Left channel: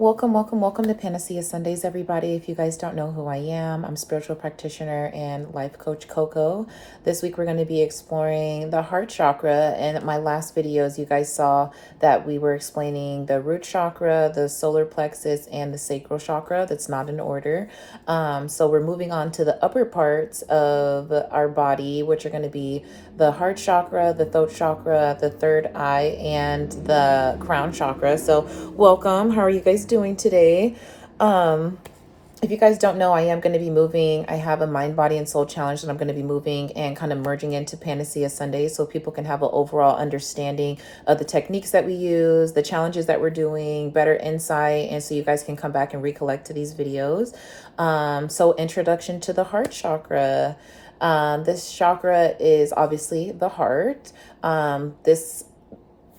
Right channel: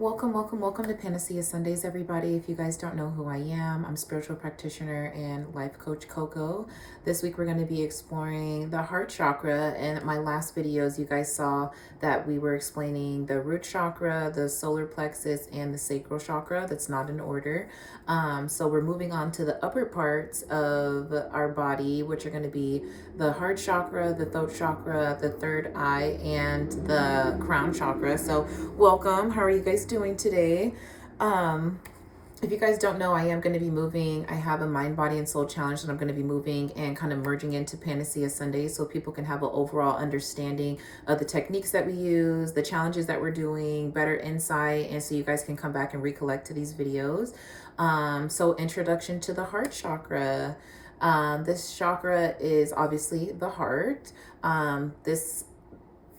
Welcome to Panacea Sundays, everybody. If you guys don't know who I am, I'm spiritual practitioner and life coach Coco. This week we're going to be exploring the heart chakra. In my last videos, you guys saw that we were explaining the root chakra, the solar plexus, and the sacral chakra. That's not in order. So we're moving on to the upper parts of our body, which are going to be the heart chakra, the throat chakra, the third eye, and the crown chakra. So welcome. How are you guys doing today? If you guys don't know, I am going to be moving. I have a mind, body, and soul challenge that I'm going to be moving and kind of merging into Panacea Sundays so people can have an overall understanding of the techniques that we use, the challenges that we're doing, better insight, and so you guys can come back and recollect to these videos. So introduction to the heart chakra. This chakra is obviously the heart. This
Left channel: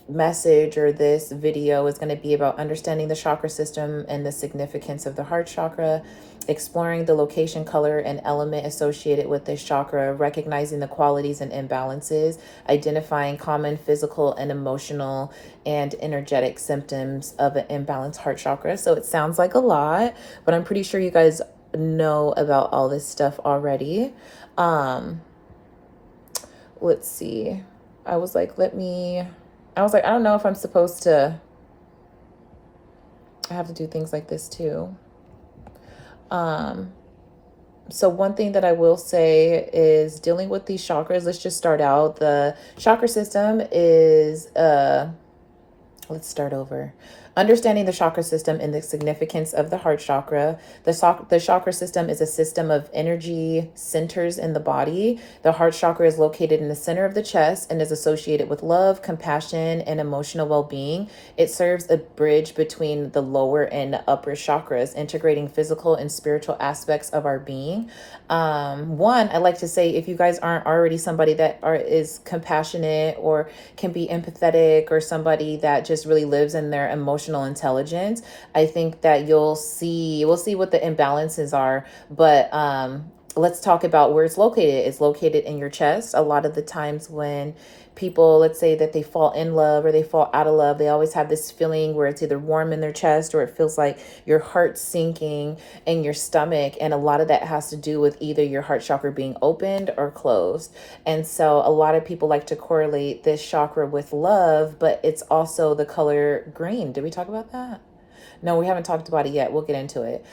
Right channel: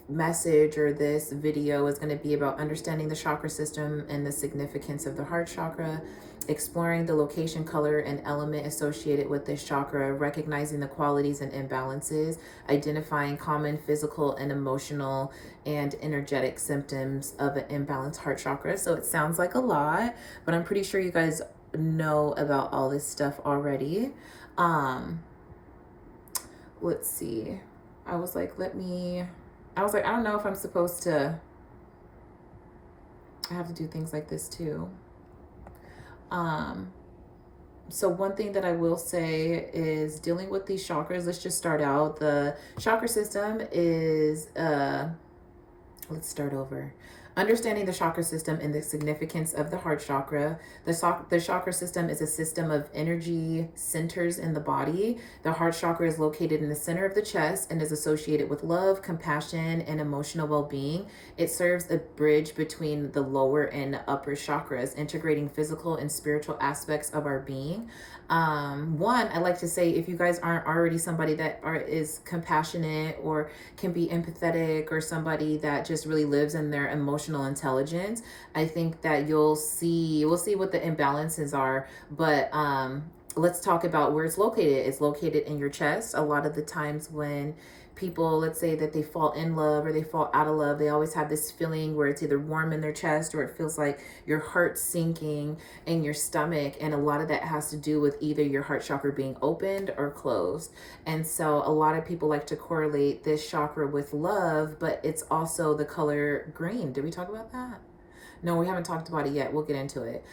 message or this video is going to be about understanding the chakra system and the significance of the heart chakra, exploring the location, color, and element associated with this chakra, recognizing the qualities and imbalances, identifying common physical and emotional and energetic symptoms of an imbalanced heart chakra. So it sounds like a lot, but I'm pretty sure you guys know about all this stuff already. Let's see. I was like, I don't know if I'm supposed to, I have to do things like this too. So one thing that I will say is dealing with these chakras. Let's just start out. The chakra system is, let's start over. Understanding the chakra system and the significance of the heart chakra. The chakra system is a system of energy centers in the body. The heart chakra is located in the center of the chest and is associated with love, compassion, and emotional well-being. It serves a bridge between the lower and upper chakras, integrating physical and spiritual aspects of our being. I like to say, if you guys aren't already somebody that is compassionate or can be empathetic or somebody that just really lives in their emotional intelligence, I think that we'll see what the imbalances are. But let's talk about where it's located. It's located in your chest. A lot of the times when people, let's say that they fall in love or they fall out of love, they always have this feeling where it's either warm in their chest or it feels like your heart sinking in your stomach. And a lot of that has to do with either your heart chakra being opened or closed. And so a lot of people like to correlate this chakra with love, but it's also the color green. Did we talk about that? No, we haven't talked about it yet. We'll get into it.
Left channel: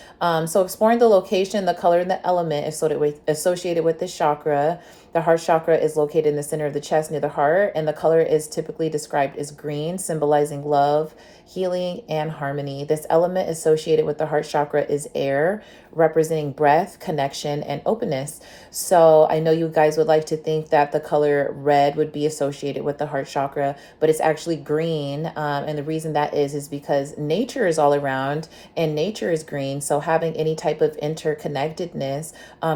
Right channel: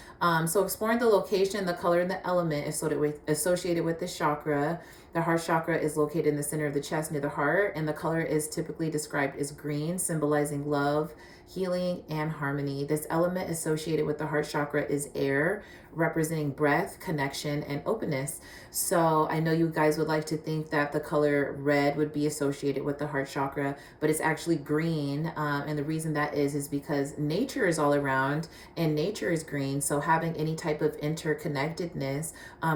So exploring the location, the color, and the element associated with this chakra. The heart chakra is located in the center of the chest near the heart, and the color is typically described as green, symbolizing love, healing, and harmony. This element associated with the heart chakra is air, representing breath, connection, and openness. So I know you guys would like to think that the color red would be associated with the heart chakra, but it's actually green. And the reason that is because nature is all around and nature is green. So having any type of interconnectedness,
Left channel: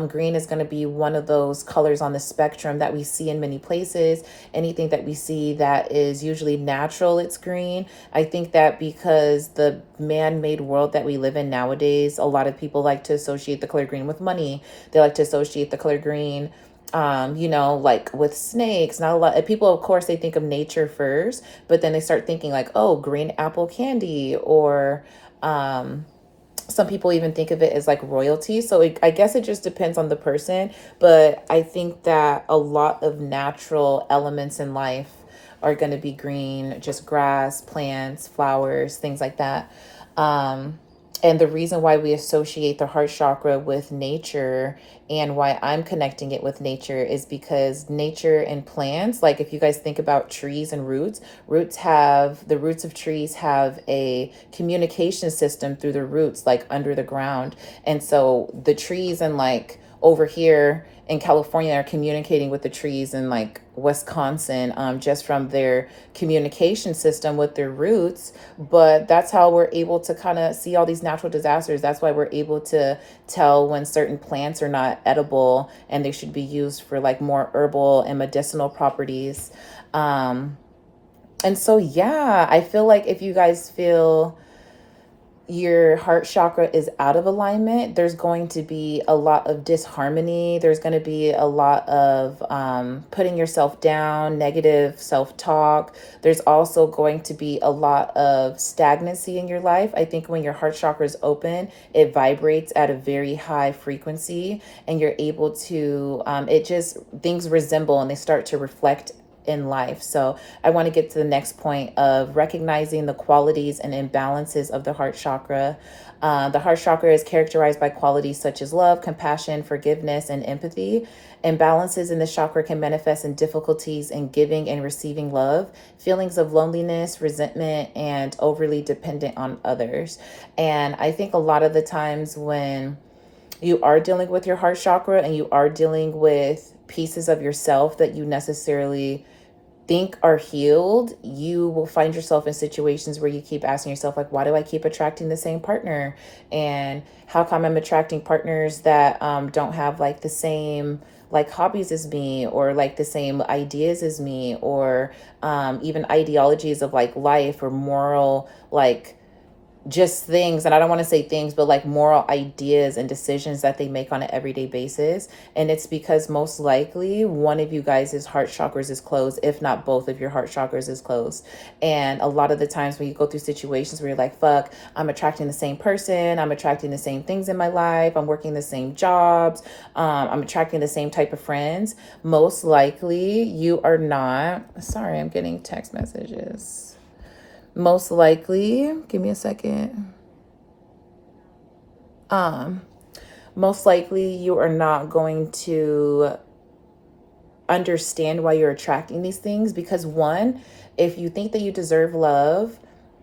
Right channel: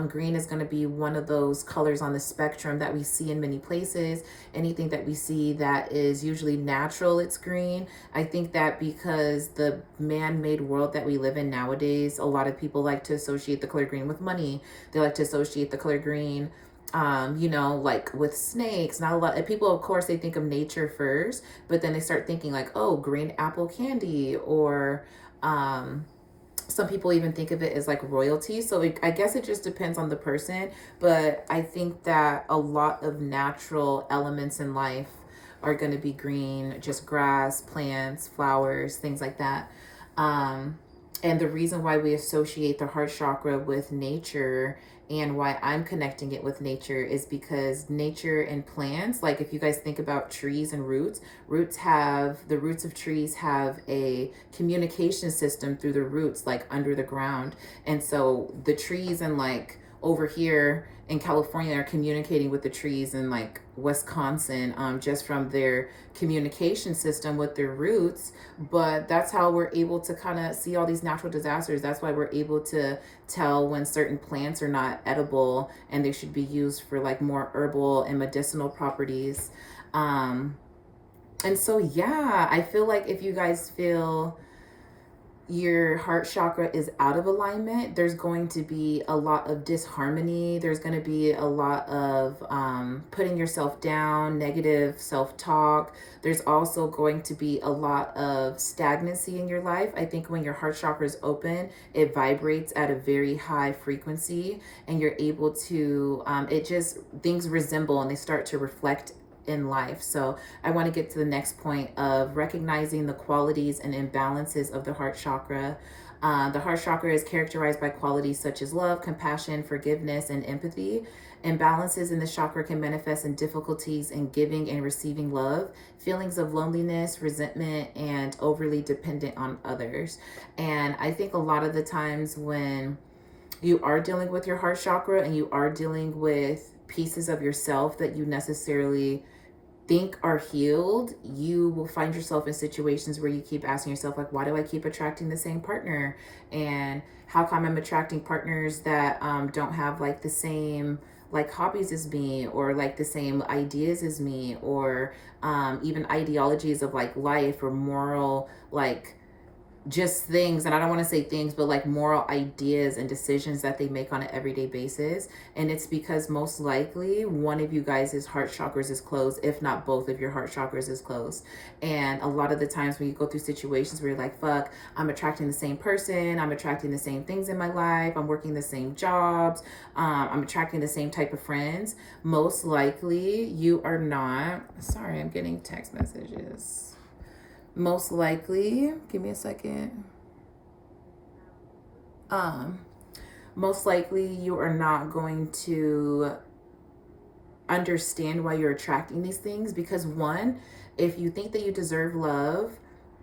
green is going to be one of those colors on the spectrum that we see in many places. Anything that we see that is usually natural, it's green. I think that because the man-made world that we live in nowadays, a lot of people like to associate the color green with money. They like to associate the color green, like with snakes. Not a lot of people, of course, they think of nature first, but then they start thinking like, oh, green apple candy, or some people even think of it as like royalty. So I guess it just depends on the person. But I think that a lot of natural elements in life are going to be green, just grass, plants, flowers, things like that. And the reason why we associate the heart chakra with nature and why I'm connecting it with nature is because nature and plants, like if you guys think about trees and the roots of trees have a communication system through the roots, like under the ground. And so the trees and like over here in California are communicating with the trees in like Wisconsin, just from their communication system with their roots. But that's how we're able to kind of see all these natural disasters. That's why we're able to tell when certain plants are not edible and they should be used for like more herbal and medicinal properties. And so, yeah, I feel like if you guys feel your heart chakra is out of alignment, there's going to be a lot of disharmony. There's going to be a lot of putting yourself down, negative self talk. There's also going to be a lot of stagnancy in your life. I think when your heart chakra is open, it vibrates at a very high frequency, and you're able to, it just, things resemble and they start to reflect in life. So I want to get to the next point of recognizing the qualities and imbalances of the heart chakra. The heart chakra is characterized by qualities such as love, compassion, forgiveness, and empathy. Imbalances in the chakra can manifest in difficulties in giving and receiving love, feelings of loneliness, resentment, and overly dependent on others. And I think a lot of the times when you are dealing with your heart chakra and you are dealing with pieces of yourself that you necessarily think are healed, you will find yourself in situations where you keep asking yourself, like, why do I keep attracting the same partner? And how come I'm attracting partners that don't have like the same like hobbies as me, or like the same ideas as me, or even ideologies of like life or moral, like just things, and I don't want to say things, but like moral ideas and decisions that they make on an everyday basis. And it's because most likely one of you guys' heart chakras is closed, if not both of your heart chakras is closed. And a lot of the times when you go through situations where you're like, fuck, I'm attracting the same person, I'm attracting the same things in my life, I'm working the same jobs, I'm attracting the same type of friends, most likely you are not. Sorry, I'm getting text messages. Most likely, give me a second. Um, Most likely you are not going to understand why you're attracting these things, because one, if you think that you deserve love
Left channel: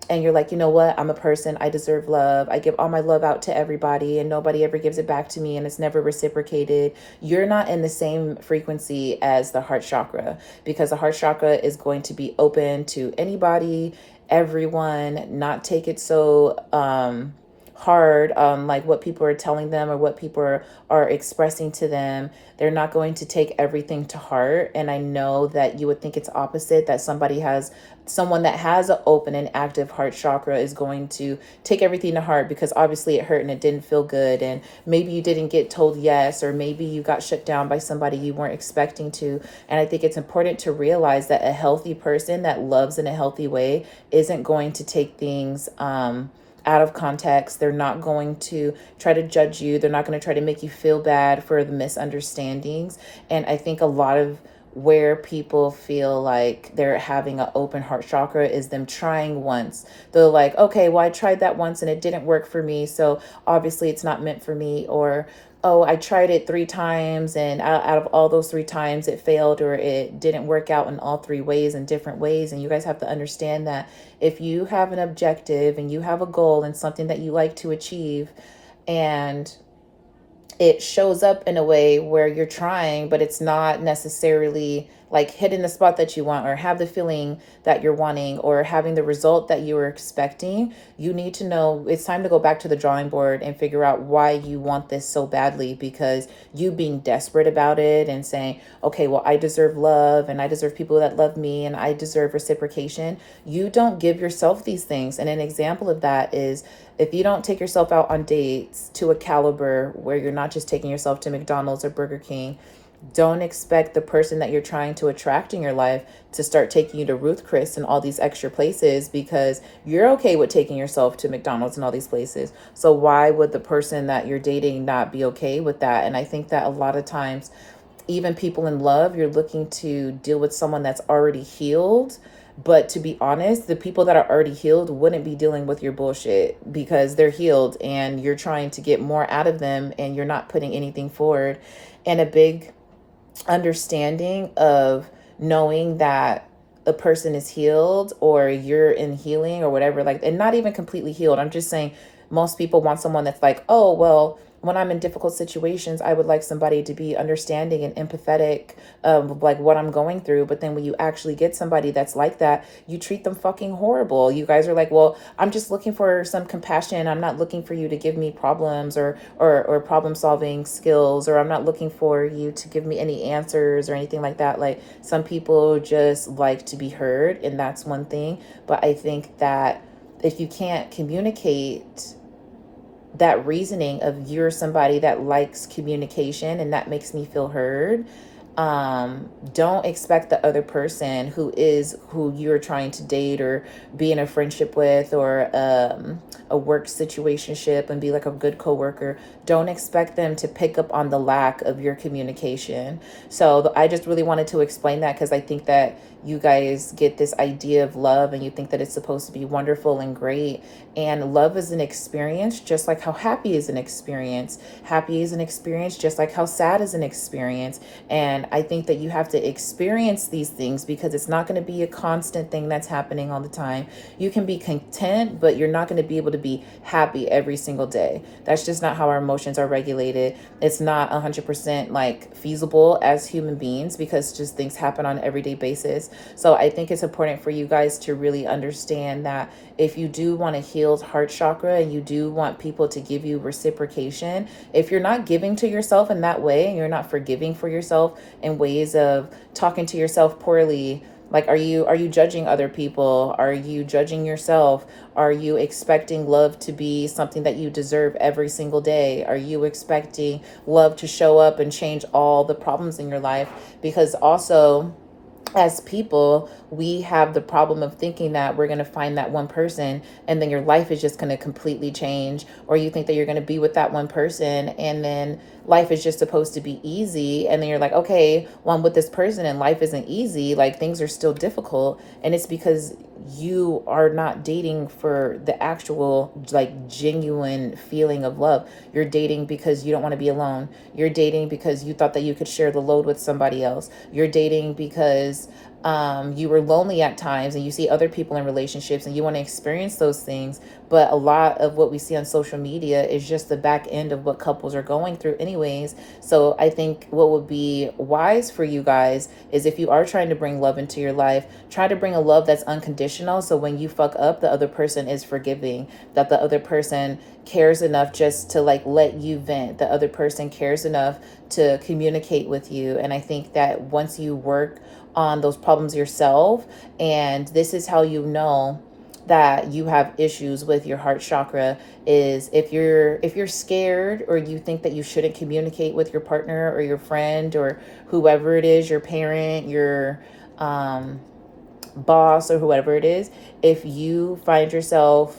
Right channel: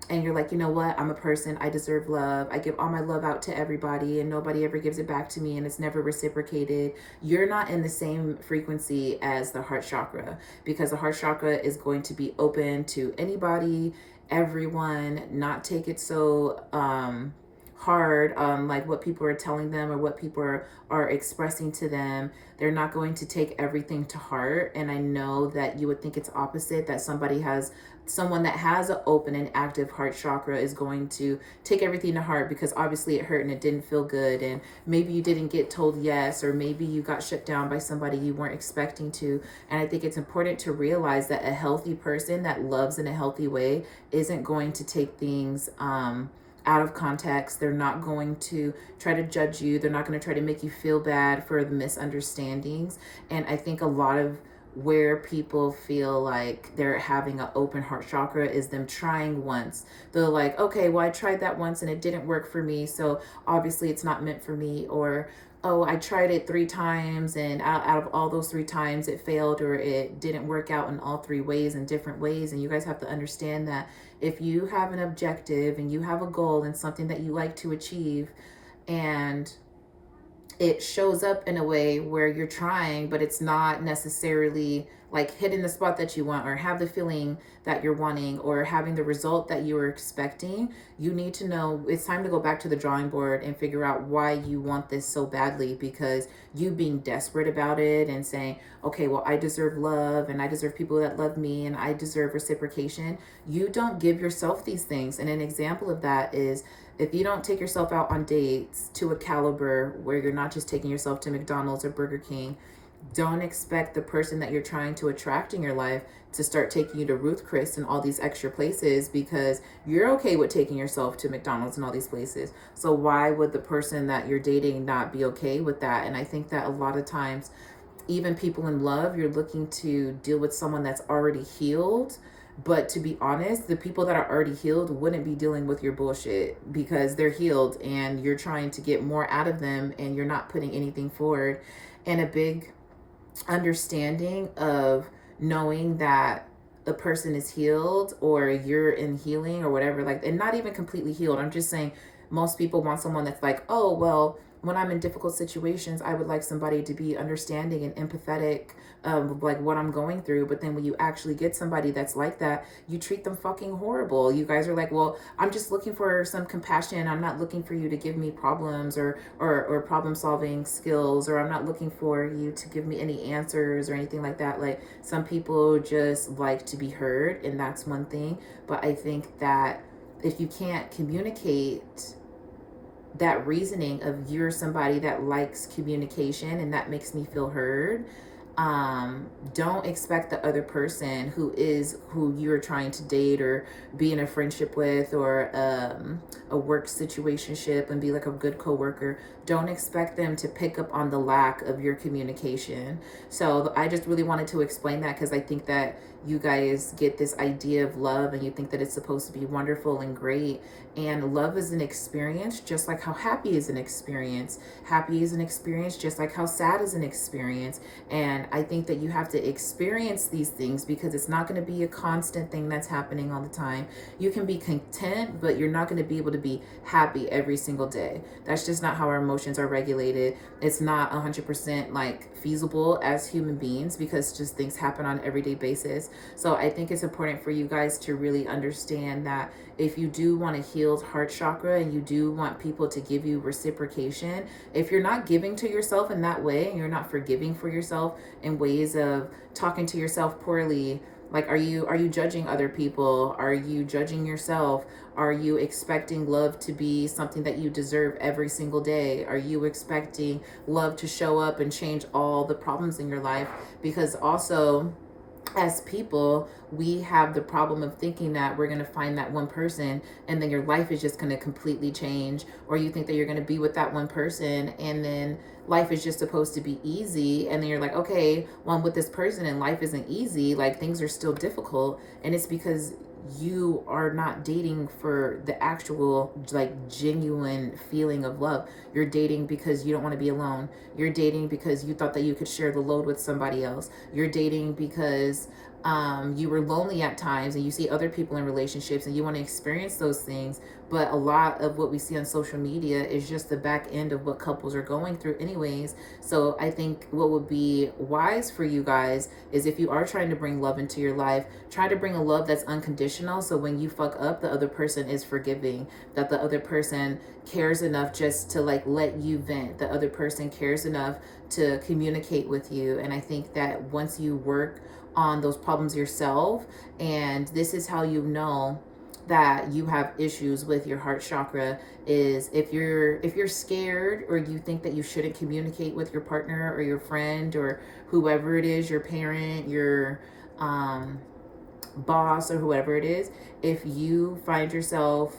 and you're like, you know what, I'm a person, I deserve love, I give all my love out to everybody and nobody ever gives it back to me and it's never reciprocated, you're not in the same frequency as the heart chakra, because the heart chakra is going to be open to anybody, everyone, not take it so hard on like what people are telling them or what people are expressing to them. They're not going to take everything to heart. And I know that you would think it's opposite, that someone that has an open and active heart chakra is going to take everything to heart, because obviously it hurt and it didn't feel good, and maybe you didn't get told yes, or maybe you got shut down by somebody you weren't expecting to. And I think it's important to realize that a healthy person that loves in a healthy way isn't going to take things out of context. They're not going to try to judge you. They're not going to try to make you feel bad for the misunderstandings. And I think a lot of where people feel like they're having an open heart chakra is them trying once. They're like, okay, well, I tried that once and it didn't work for me, so obviously it's not meant for me. Or, oh, I tried it 3 times and out of all those 3 times it failed, or it didn't work out in all 3 ways, in different ways. And you guys have to understand that if you have an objective and you have a goal and something that you like to achieve, and it shows up in a way where you're trying, but it's not necessarily like hitting the spot that you want, or have the feeling that you're wanting, or having the result that you were expecting, you need to know it's time to go back to the drawing board and figure out why you want this so badly. Because you being desperate about it and saying, okay, well, I deserve love and I deserve people that love me and I deserve reciprocation, you don't give yourself these things. And an example of that is, if you don't take yourself out on dates to a caliber where you're not just taking yourself to McDonald's or Burger King, don't expect the person that you're trying to attract in your life to start taking you to Ruth Chris and all these extra places, because you're okay with taking yourself to McDonald's and all these places. So why would the person that you're dating not be okay with that? And I think that a lot of times, even people in love, you're looking to deal with someone that's already healed. But to be honest, the people that are already healed wouldn't be dealing with your bullshit, because they're healed and you're trying to get more out of them and you're not putting anything forward. And a big understanding of knowing that a person is healed, or you're in healing or whatever, like, and not even completely healed. I'm just saying most people want someone that's like, oh, well, when I'm in difficult situations, I would like somebody to be understanding and empathetic of like what I'm going through. But then when you actually get somebody that's like that, you treat them fucking horrible. You guys are like, well, I'm just looking for some compassion. I'm not looking for you to give me problems or problem solving skills, or I'm not looking for you to give me any answers or anything like that. Like, some people just like to be heard, and that's one thing. But I think that if you can't communicate that reasoning of you're somebody that likes communication and that makes me feel heard, don't expect the other person who you're trying to date or be in a friendship with, or a work situationship, and be like a good coworker. Don't expect them to pick up on the lack of your communication. So I just really wanted to explain that, because I think that you guys get this idea of love and you think that it's supposed to be wonderful and great. And love is an experience, just like how happy is an experience. Happy is an experience, just like how sad is an experience. And I think that you have to experience these things, because it's not going to be a constant thing that's happening all the time. You can be content, but you're not going to be able to be happy every single day. That's just not how our emotions are regulated. It's not 100% like feasible as human beings, because just things happen on an everyday basis. So I think it's important for you guys to really understand that if you do want a healed heart chakra and you do want people to give you reciprocation, if you're not giving to yourself in that way, and you're not forgiving for yourself in ways of talking to yourself poorly, like are you judging other people? Are you judging yourself? Are you expecting love to be something that you deserve every single day? Are you expecting love to show up and change all the problems in your life? Because also, as people, we have the problem of thinking that we're going to find that one person and then your life is just going to completely change. Or you think that you're going to be with that one person and then life is just supposed to be easy. And then you're like, okay, well, I'm with this person and life isn't easy. Like things are still difficult. And it's because you are not dating for the actual, like, genuine feeling of love. You're dating because you don't want to be alone. You're dating because you thought that you could share the load with somebody else. You're dating because you were lonely at times and you see other people in relationships and you want to experience those things. But a lot of what we see on social media is just the back end of what couples are going through anyways. So I think what would be wise for you guys is, if you are trying to bring love into your life, try to bring a love that's unconditional. So when you fuck up, the other person is forgiving, that the other person cares enough just to like let you vent. The other person cares enough to communicate with you. And I think that once you work on those problems yourself, and this is how you know that you have issues with your heart chakra, is if you're scared, or you think that you shouldn't communicate with your partner or your friend or whoever it is, your parent, your boss, or whoever it is, if you find yourself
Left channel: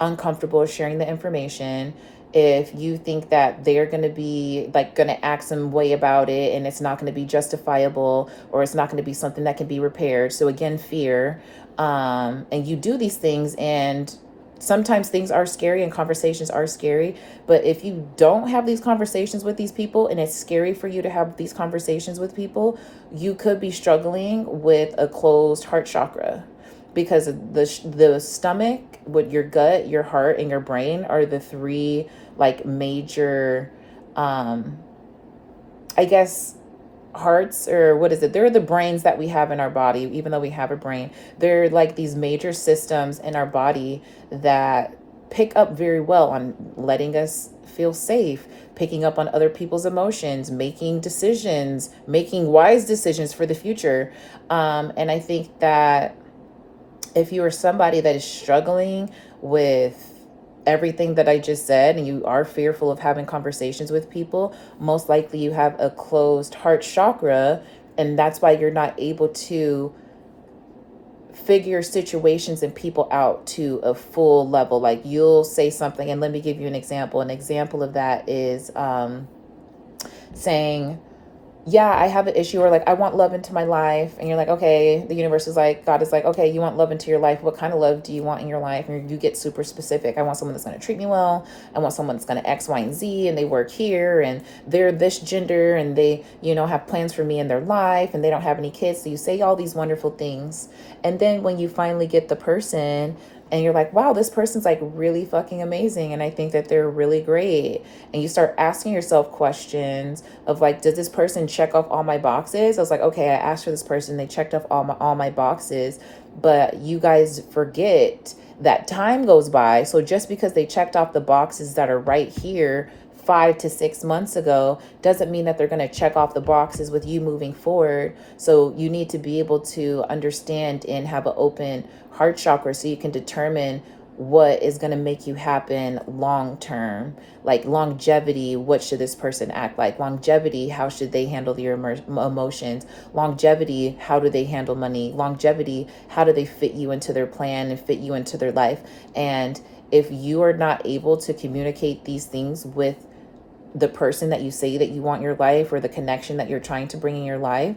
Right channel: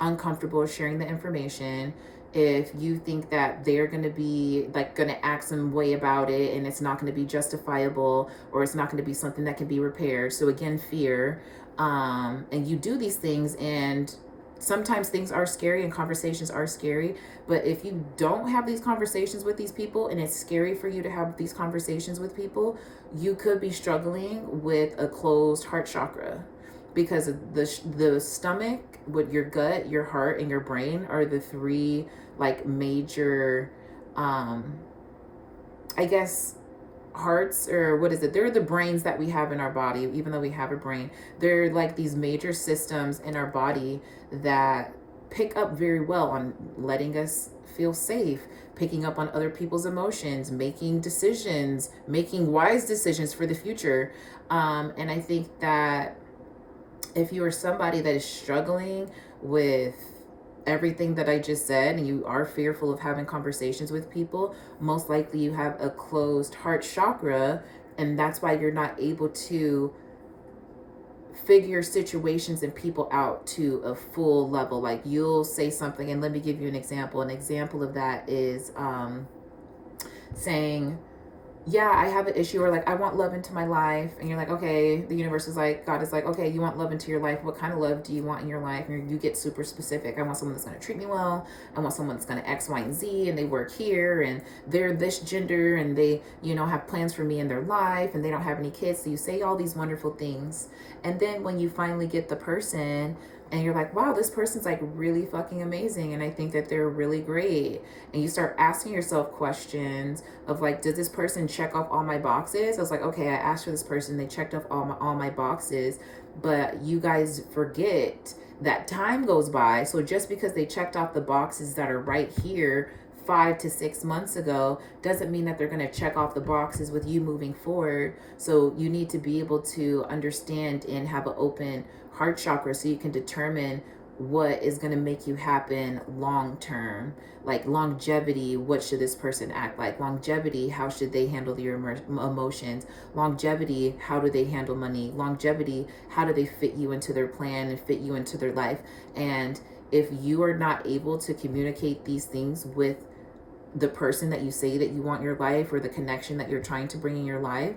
uncomfortable sharing the information, if you think that they're going to be like going to act some way about it and it's not going to be justifiable, or it's not going to be something that can be repaired, so again, fear, and you do these things, and sometimes things are scary and conversations are scary. But if you don't have these conversations with these people, and it's scary for you to have these conversations with people, you could be struggling with a closed heart chakra, because the stomach, with your gut, your heart, and your brain are the three like major, I guess, hearts, or what is it? They're the brains that we have in our body, even though we have a brain. They're like these major systems in our body that pick up very well on letting us feel safe, picking up on other people's emotions, making decisions, making wise decisions for the future. And I think that if you are somebody that is struggling with everything that I just said, and you are fearful of having conversations with people, most likely you have a closed heart chakra, and that's why you're not able to figure situations and people out to a full level. Like you'll say something, and let me give you an example. An example of that is saying, yeah, I have an issue, or like, I want love into my life. And you're like, okay, the universe is like, God is like, okay, you want love into your life. What kind of love do you want in your life? And you get super specific. I want someone that's going to treat me well. I want someone that's going to X, Y, and Z, and they work here, and they're this gender, and they, have plans for me in their life, and they don't have any kids. So you say all these wonderful things. And then when you finally get the person, and you're like, wow, this person's like really fucking amazing, and I think that they're really great. And you start asking yourself questions of like, does this person check off all my boxes? I was like, okay, I asked for this person, they checked off all my boxes. But you guys forget that time goes by. So just because they checked off the boxes that are right here 5 to 6 months ago doesn't mean that they're going to check off the boxes with you moving forward. So you need to be able to understand and have an open heart chakra so you can determine what is going to make you happen long term. Like longevity, what should this person act like? Longevity, how should they handle your emotions? Longevity, how do they handle money? Longevity, how do they fit you into their plan and fit you into their life? And if you are not able to communicate these things with the person that you say that you want in your life, or the connection that you're trying to bring in your life,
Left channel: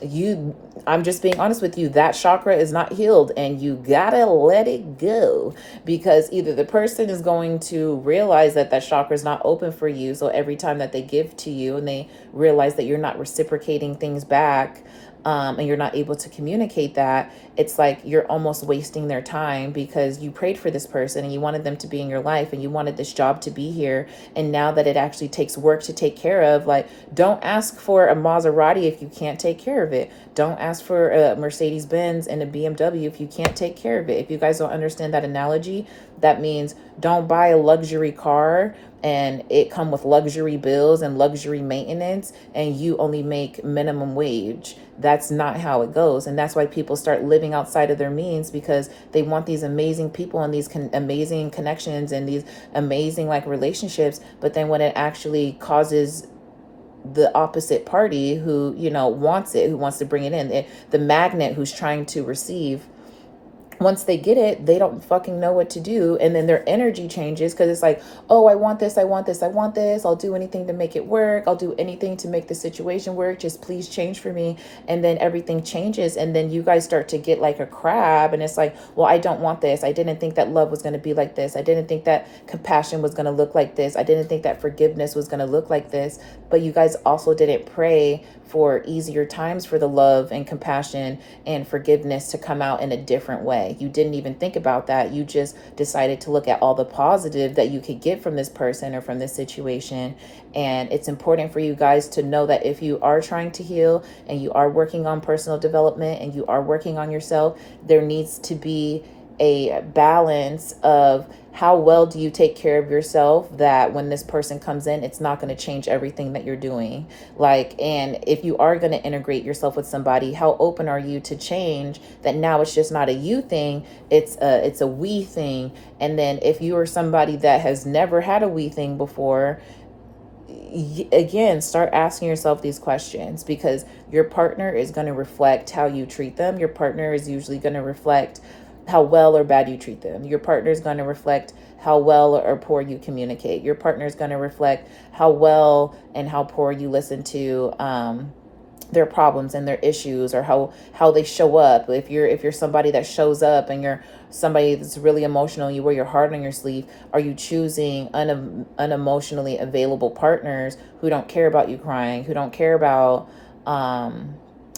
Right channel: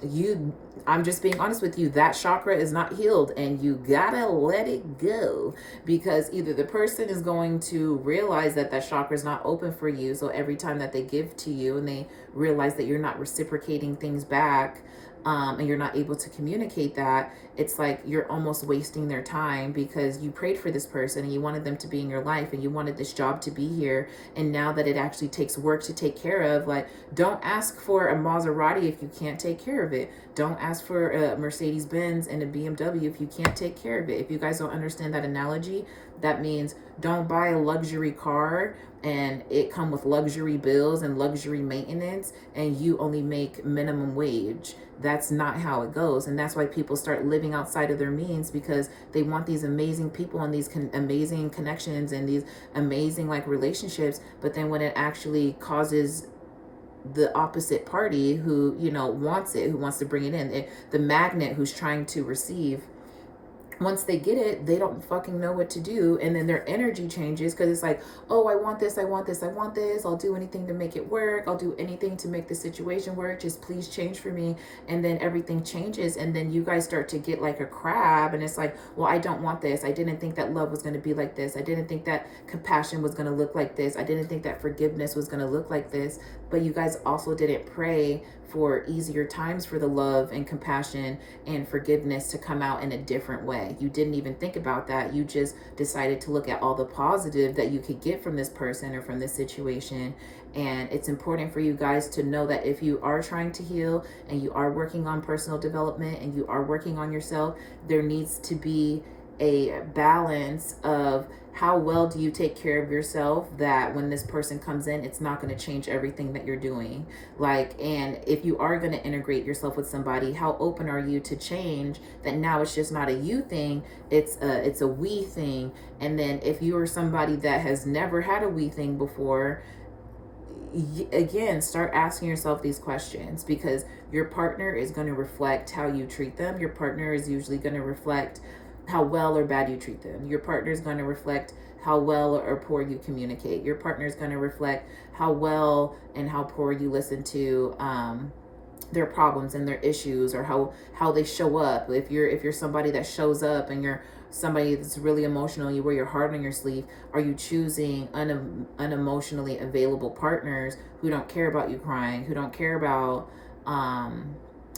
I'm just being honest with you, that chakra is not healed, and you gotta let it go, because either the person is going to realize that that chakra is not open for you. So every time that they give to you and they realize that you're not reciprocating things back, and you're not able to communicate that, it's like you're almost wasting their time, because you prayed for this person and you wanted them to be in your life and you wanted this job to be here. And now that it actually takes work to take care of, like, don't ask for a Maserati if you can't take care of it. Don't ask for a Mercedes Benz and a BMW if you can't take care of it. If you guys don't understand that analogy, that means don't buy a luxury car and it come with luxury bills and luxury maintenance, and you only make minimum wage. That's not how it goes. And that's why people start living outside of their means, because they want these amazing people and these amazing connections and these amazing like relationships. But then when it actually causes the opposite party who, wants it, who wants to bring it in, the magnet who's trying to receive, once they get it, they don't fucking know what to do. And then their energy changes, because it's like, oh, I want this, I want this, I want this. I'll do anything to make it work. I'll do anything to make the situation work. Just please change for me. And then everything changes. And then you guys start to get like a crab. And it's like, well, I don't want this. I didn't think that love was going to be like this. I didn't think that compassion was going to look like this. I didn't think that forgiveness was going to look like this. But you guys also didn't pray for easier times for the love and compassion and forgiveness to come out in a different way. You didn't even think about that. You just decided to look at all the positive that you could get from this person or from this situation. And it's important for you guys to know that if you are trying to heal and you are working on personal development and you are working on yourself, there needs to be a balance of how well do you take care of yourself, that when this person comes in, it's not going to change everything that you're doing. Like, and if you are going to integrate yourself with somebody, how open are you to change, that now it's just not a you thing, it's a we thing. And then if you are somebody that has never had a we thing before, again, start asking yourself these questions, because your partner is going to reflect how you treat them. Your partner is usually going to reflect how well or bad you treat them. Your partner is going to reflect how well or poor you communicate. Your partner is going to reflect how well and how poor you listen to their problems and their issues, or how they show up. If you're somebody that shows up and you're somebody that's really emotional, you wear your heart on your sleeve, are you choosing unemotionally available partners who don't care about you crying, who don't care about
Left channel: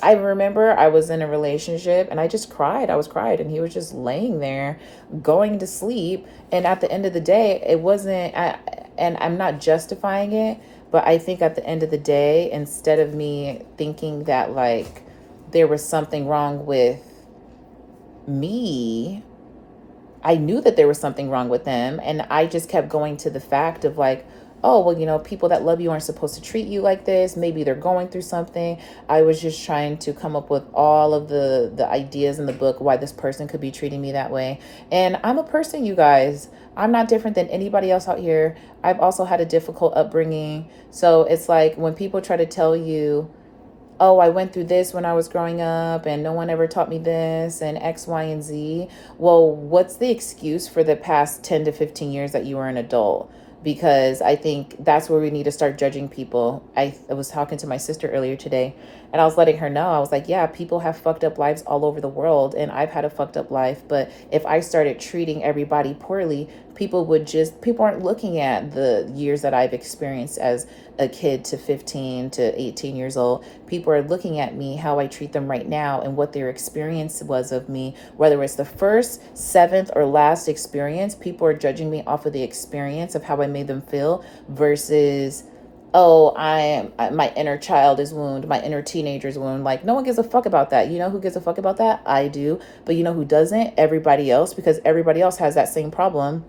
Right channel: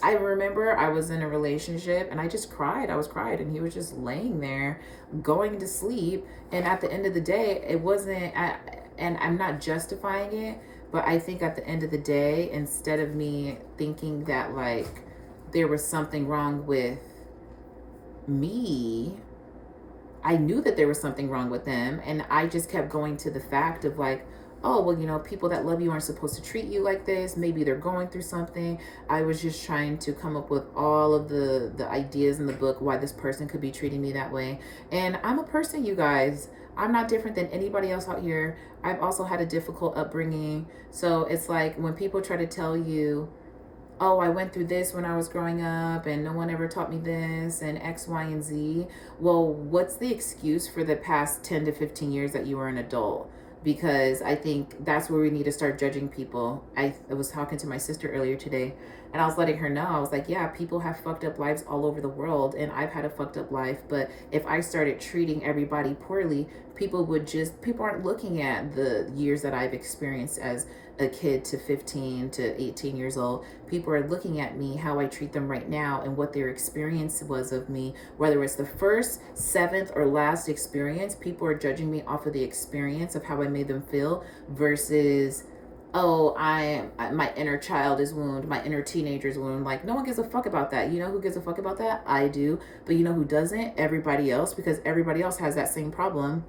I remember I was in a relationship and I just cried. I was cried and he was just laying there going to sleep. And at the end of the day, it wasn't, and I'm not justifying it, but I think at the end of the day, instead of me thinking that like there was something wrong with me, I knew that there was something wrong with them. And I just kept going to the fact of like, oh, well, people that love you aren't supposed to treat you like this. Maybe they're going through something. I was just trying to come up with all of the ideas in the book why this person could be treating me that way. And I'm a person, you guys. I'm not different than anybody else out here. I've also had a difficult upbringing. So it's like when people try to tell you, oh, I went through this when I was growing up and no one ever taught me this and X, Y, and Z. Well, what's the excuse for the past 10 to 15 years that you were an adult? Because I think that's where we need to start judging people. I was talking to my sister earlier today and I was letting her know, I was like, yeah, people have fucked up lives all over the world and I've had a fucked up life. But if I started treating everybody poorly, people aren't looking at the years that I've experienced as a kid to 15 to 18 years old. People are looking at me, how I treat them right now and what their experience was of me, whether it's the first, seventh, or last experience. People are judging me off of the experience of how I made them feel versus, oh, my inner child is wound, my inner teenager's wound. Like, no one gives a fuck about that. You know who gives a fuck about that? I do. But you know who doesn't? Everybody else, because everybody else has that same problem.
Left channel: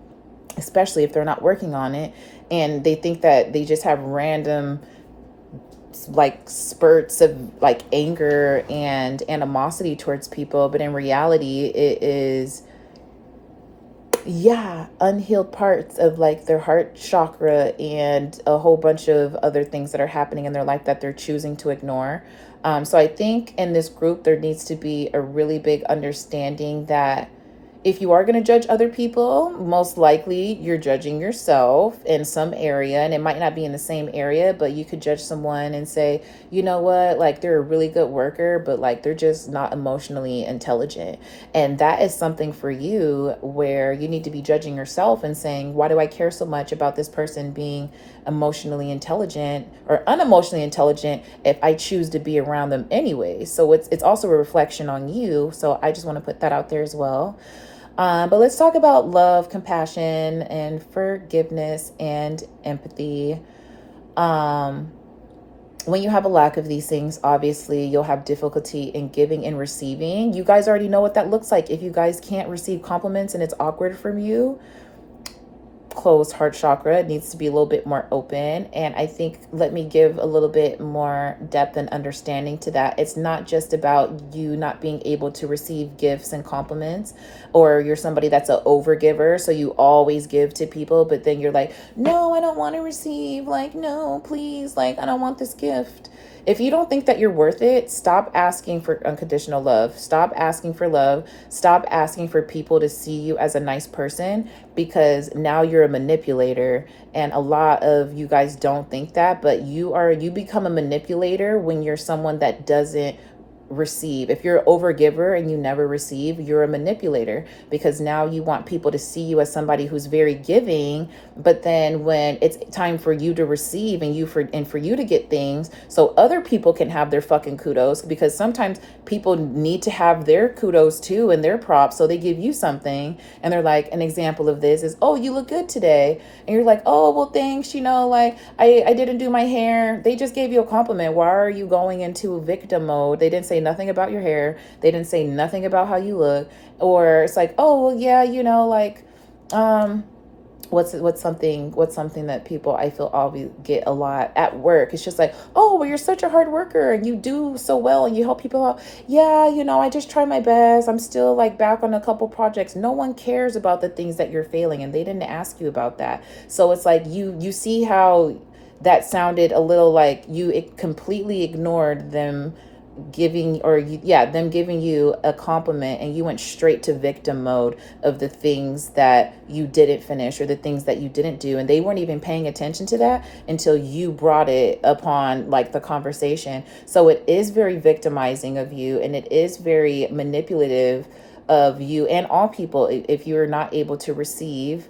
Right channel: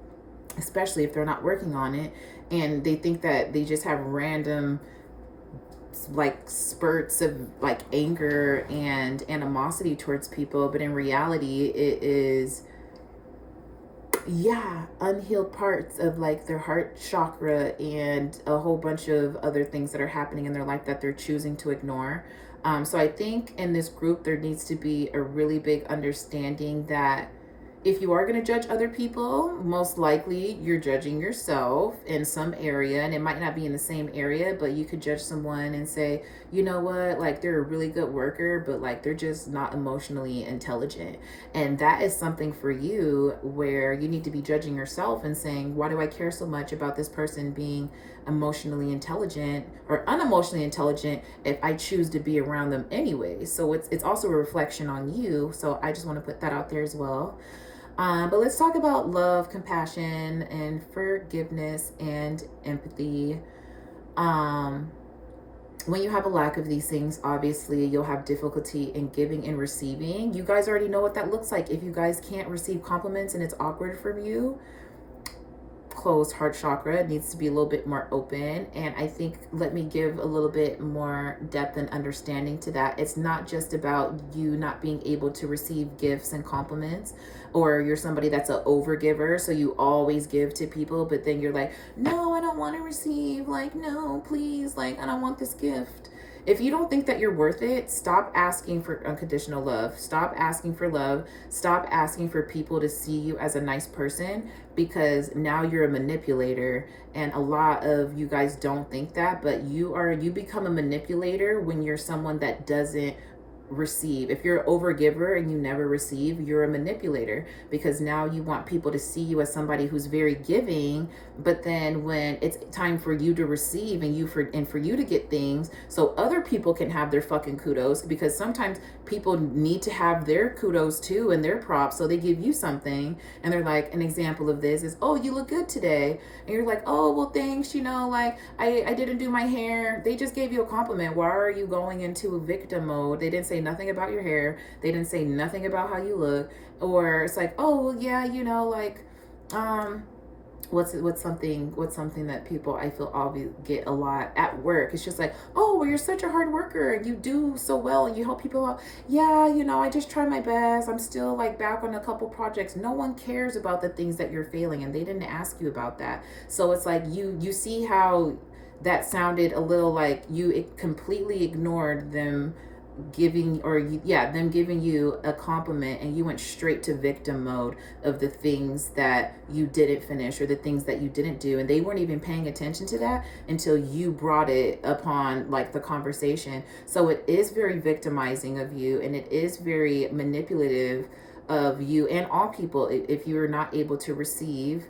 especially if they're not working on it, and they think that they just have random like spurts of like anger and animosity towards people, but in reality it is, yeah, unhealed parts of like their heart chakra and a whole bunch of other things that are happening in their life that they're choosing to ignore. So I think in this group there needs to be a really big understanding that if you are going to judge other people, most likely you're judging yourself in some area, and it might not be in the same area, but you could judge someone and say, you know what, like they're a really good worker, but like they're just not emotionally intelligent. And that is something for you where you need to be judging yourself and saying, why do I care so much about this person being emotionally intelligent or unemotionally intelligent if I choose to be around them anyway? So it's also a reflection on you. So I just want to put that out there as well. But let's talk about love, compassion, and forgiveness and empathy. Um, when you have a lack of these things, obviously you'll have difficulty in giving and receiving. You guys already know what that looks like. If you guys can't receive compliments and it's awkward from you, closed heart chakra, it needs to be a little bit more open. And I think, let me give a little bit more depth and understanding to that. It's not just about you not being able to receive gifts and compliments, or you're somebody that's an overgiver, so you always give to people, but then you're like, no, I don't want to receive, like, no, please, like, I don't want this gift. If you don't think that you're worth it, stop asking for unconditional love. Stop asking for love. Stop asking for people to see you as a nice person, because now you're a manipulator. And a lot of you guys don't think that, but you become a manipulator when you're someone that doesn't receive. If you're an overgiver and you never receive, you're a manipulator, because now you want people to see you as somebody who's very giving, but then when it's time for you to receive and for you to get things so other people can have their fucking kudos, because sometimes people need to have their kudos too and their props, so they give you something and they're like, an example of this is, oh, you look good today, and you're like, oh, well, thanks, like I didn't do my hair. They just gave you a compliment. Why are you going into victim mode? They didn't say nothing about your hair. They didn't say nothing about how you look. Or it's like, oh, well, yeah, like, what's something that people, I feel, always get a lot at work. It's just like, oh, well, you're such a hard worker and you do so well and you help people out. Yeah, I just try my best. I'm still like back on a couple projects. No one cares about the things that you're failing, and they didn't ask you about that. So it's like, you see how that sounded a little like you completely ignored them them giving you a compliment, and you went straight to victim mode of the things that you didn't finish or the things that you didn't do, and they weren't even paying attention to that until you brought it upon like the conversation. So it is very victimizing of you, and it is very manipulative of you and all people if you're not able to receive.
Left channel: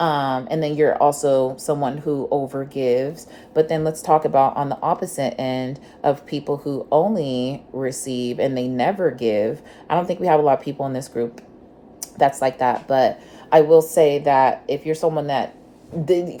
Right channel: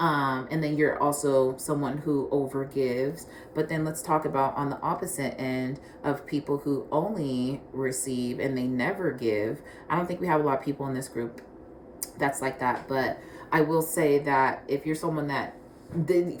And then you're also someone who overgives. But then let's talk about on the opposite end of people who only receive and they never give. I don't think we have a lot of people in this group that's like that. But I will say that if you're someone that,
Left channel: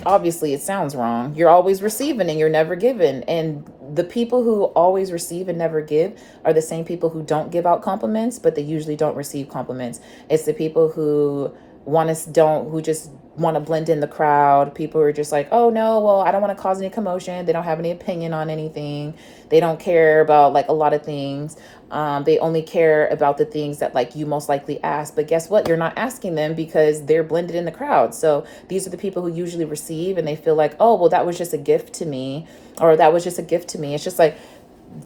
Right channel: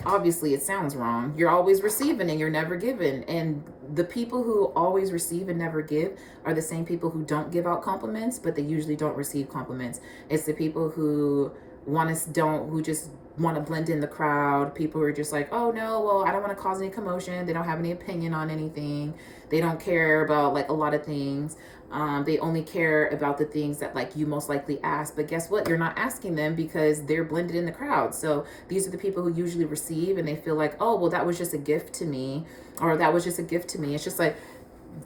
obviously it sounds wrong, you're always receiving and you're never giving. And the people who always receive and never give are the same people who don't give out compliments, but they usually don't receive compliments. It's the people who who just want to blend in the crowd. People who are just like, oh no, well, I don't want to cause any commotion. They don't have any opinion on anything. They don't care about like a lot of things. They only care about the things that like you most likely ask. But guess what? You're not asking them because they're blended in the crowd. So these are the people who usually receive, and they feel like, oh, well, that was just a gift to me, or that was just a gift to me. It's just like,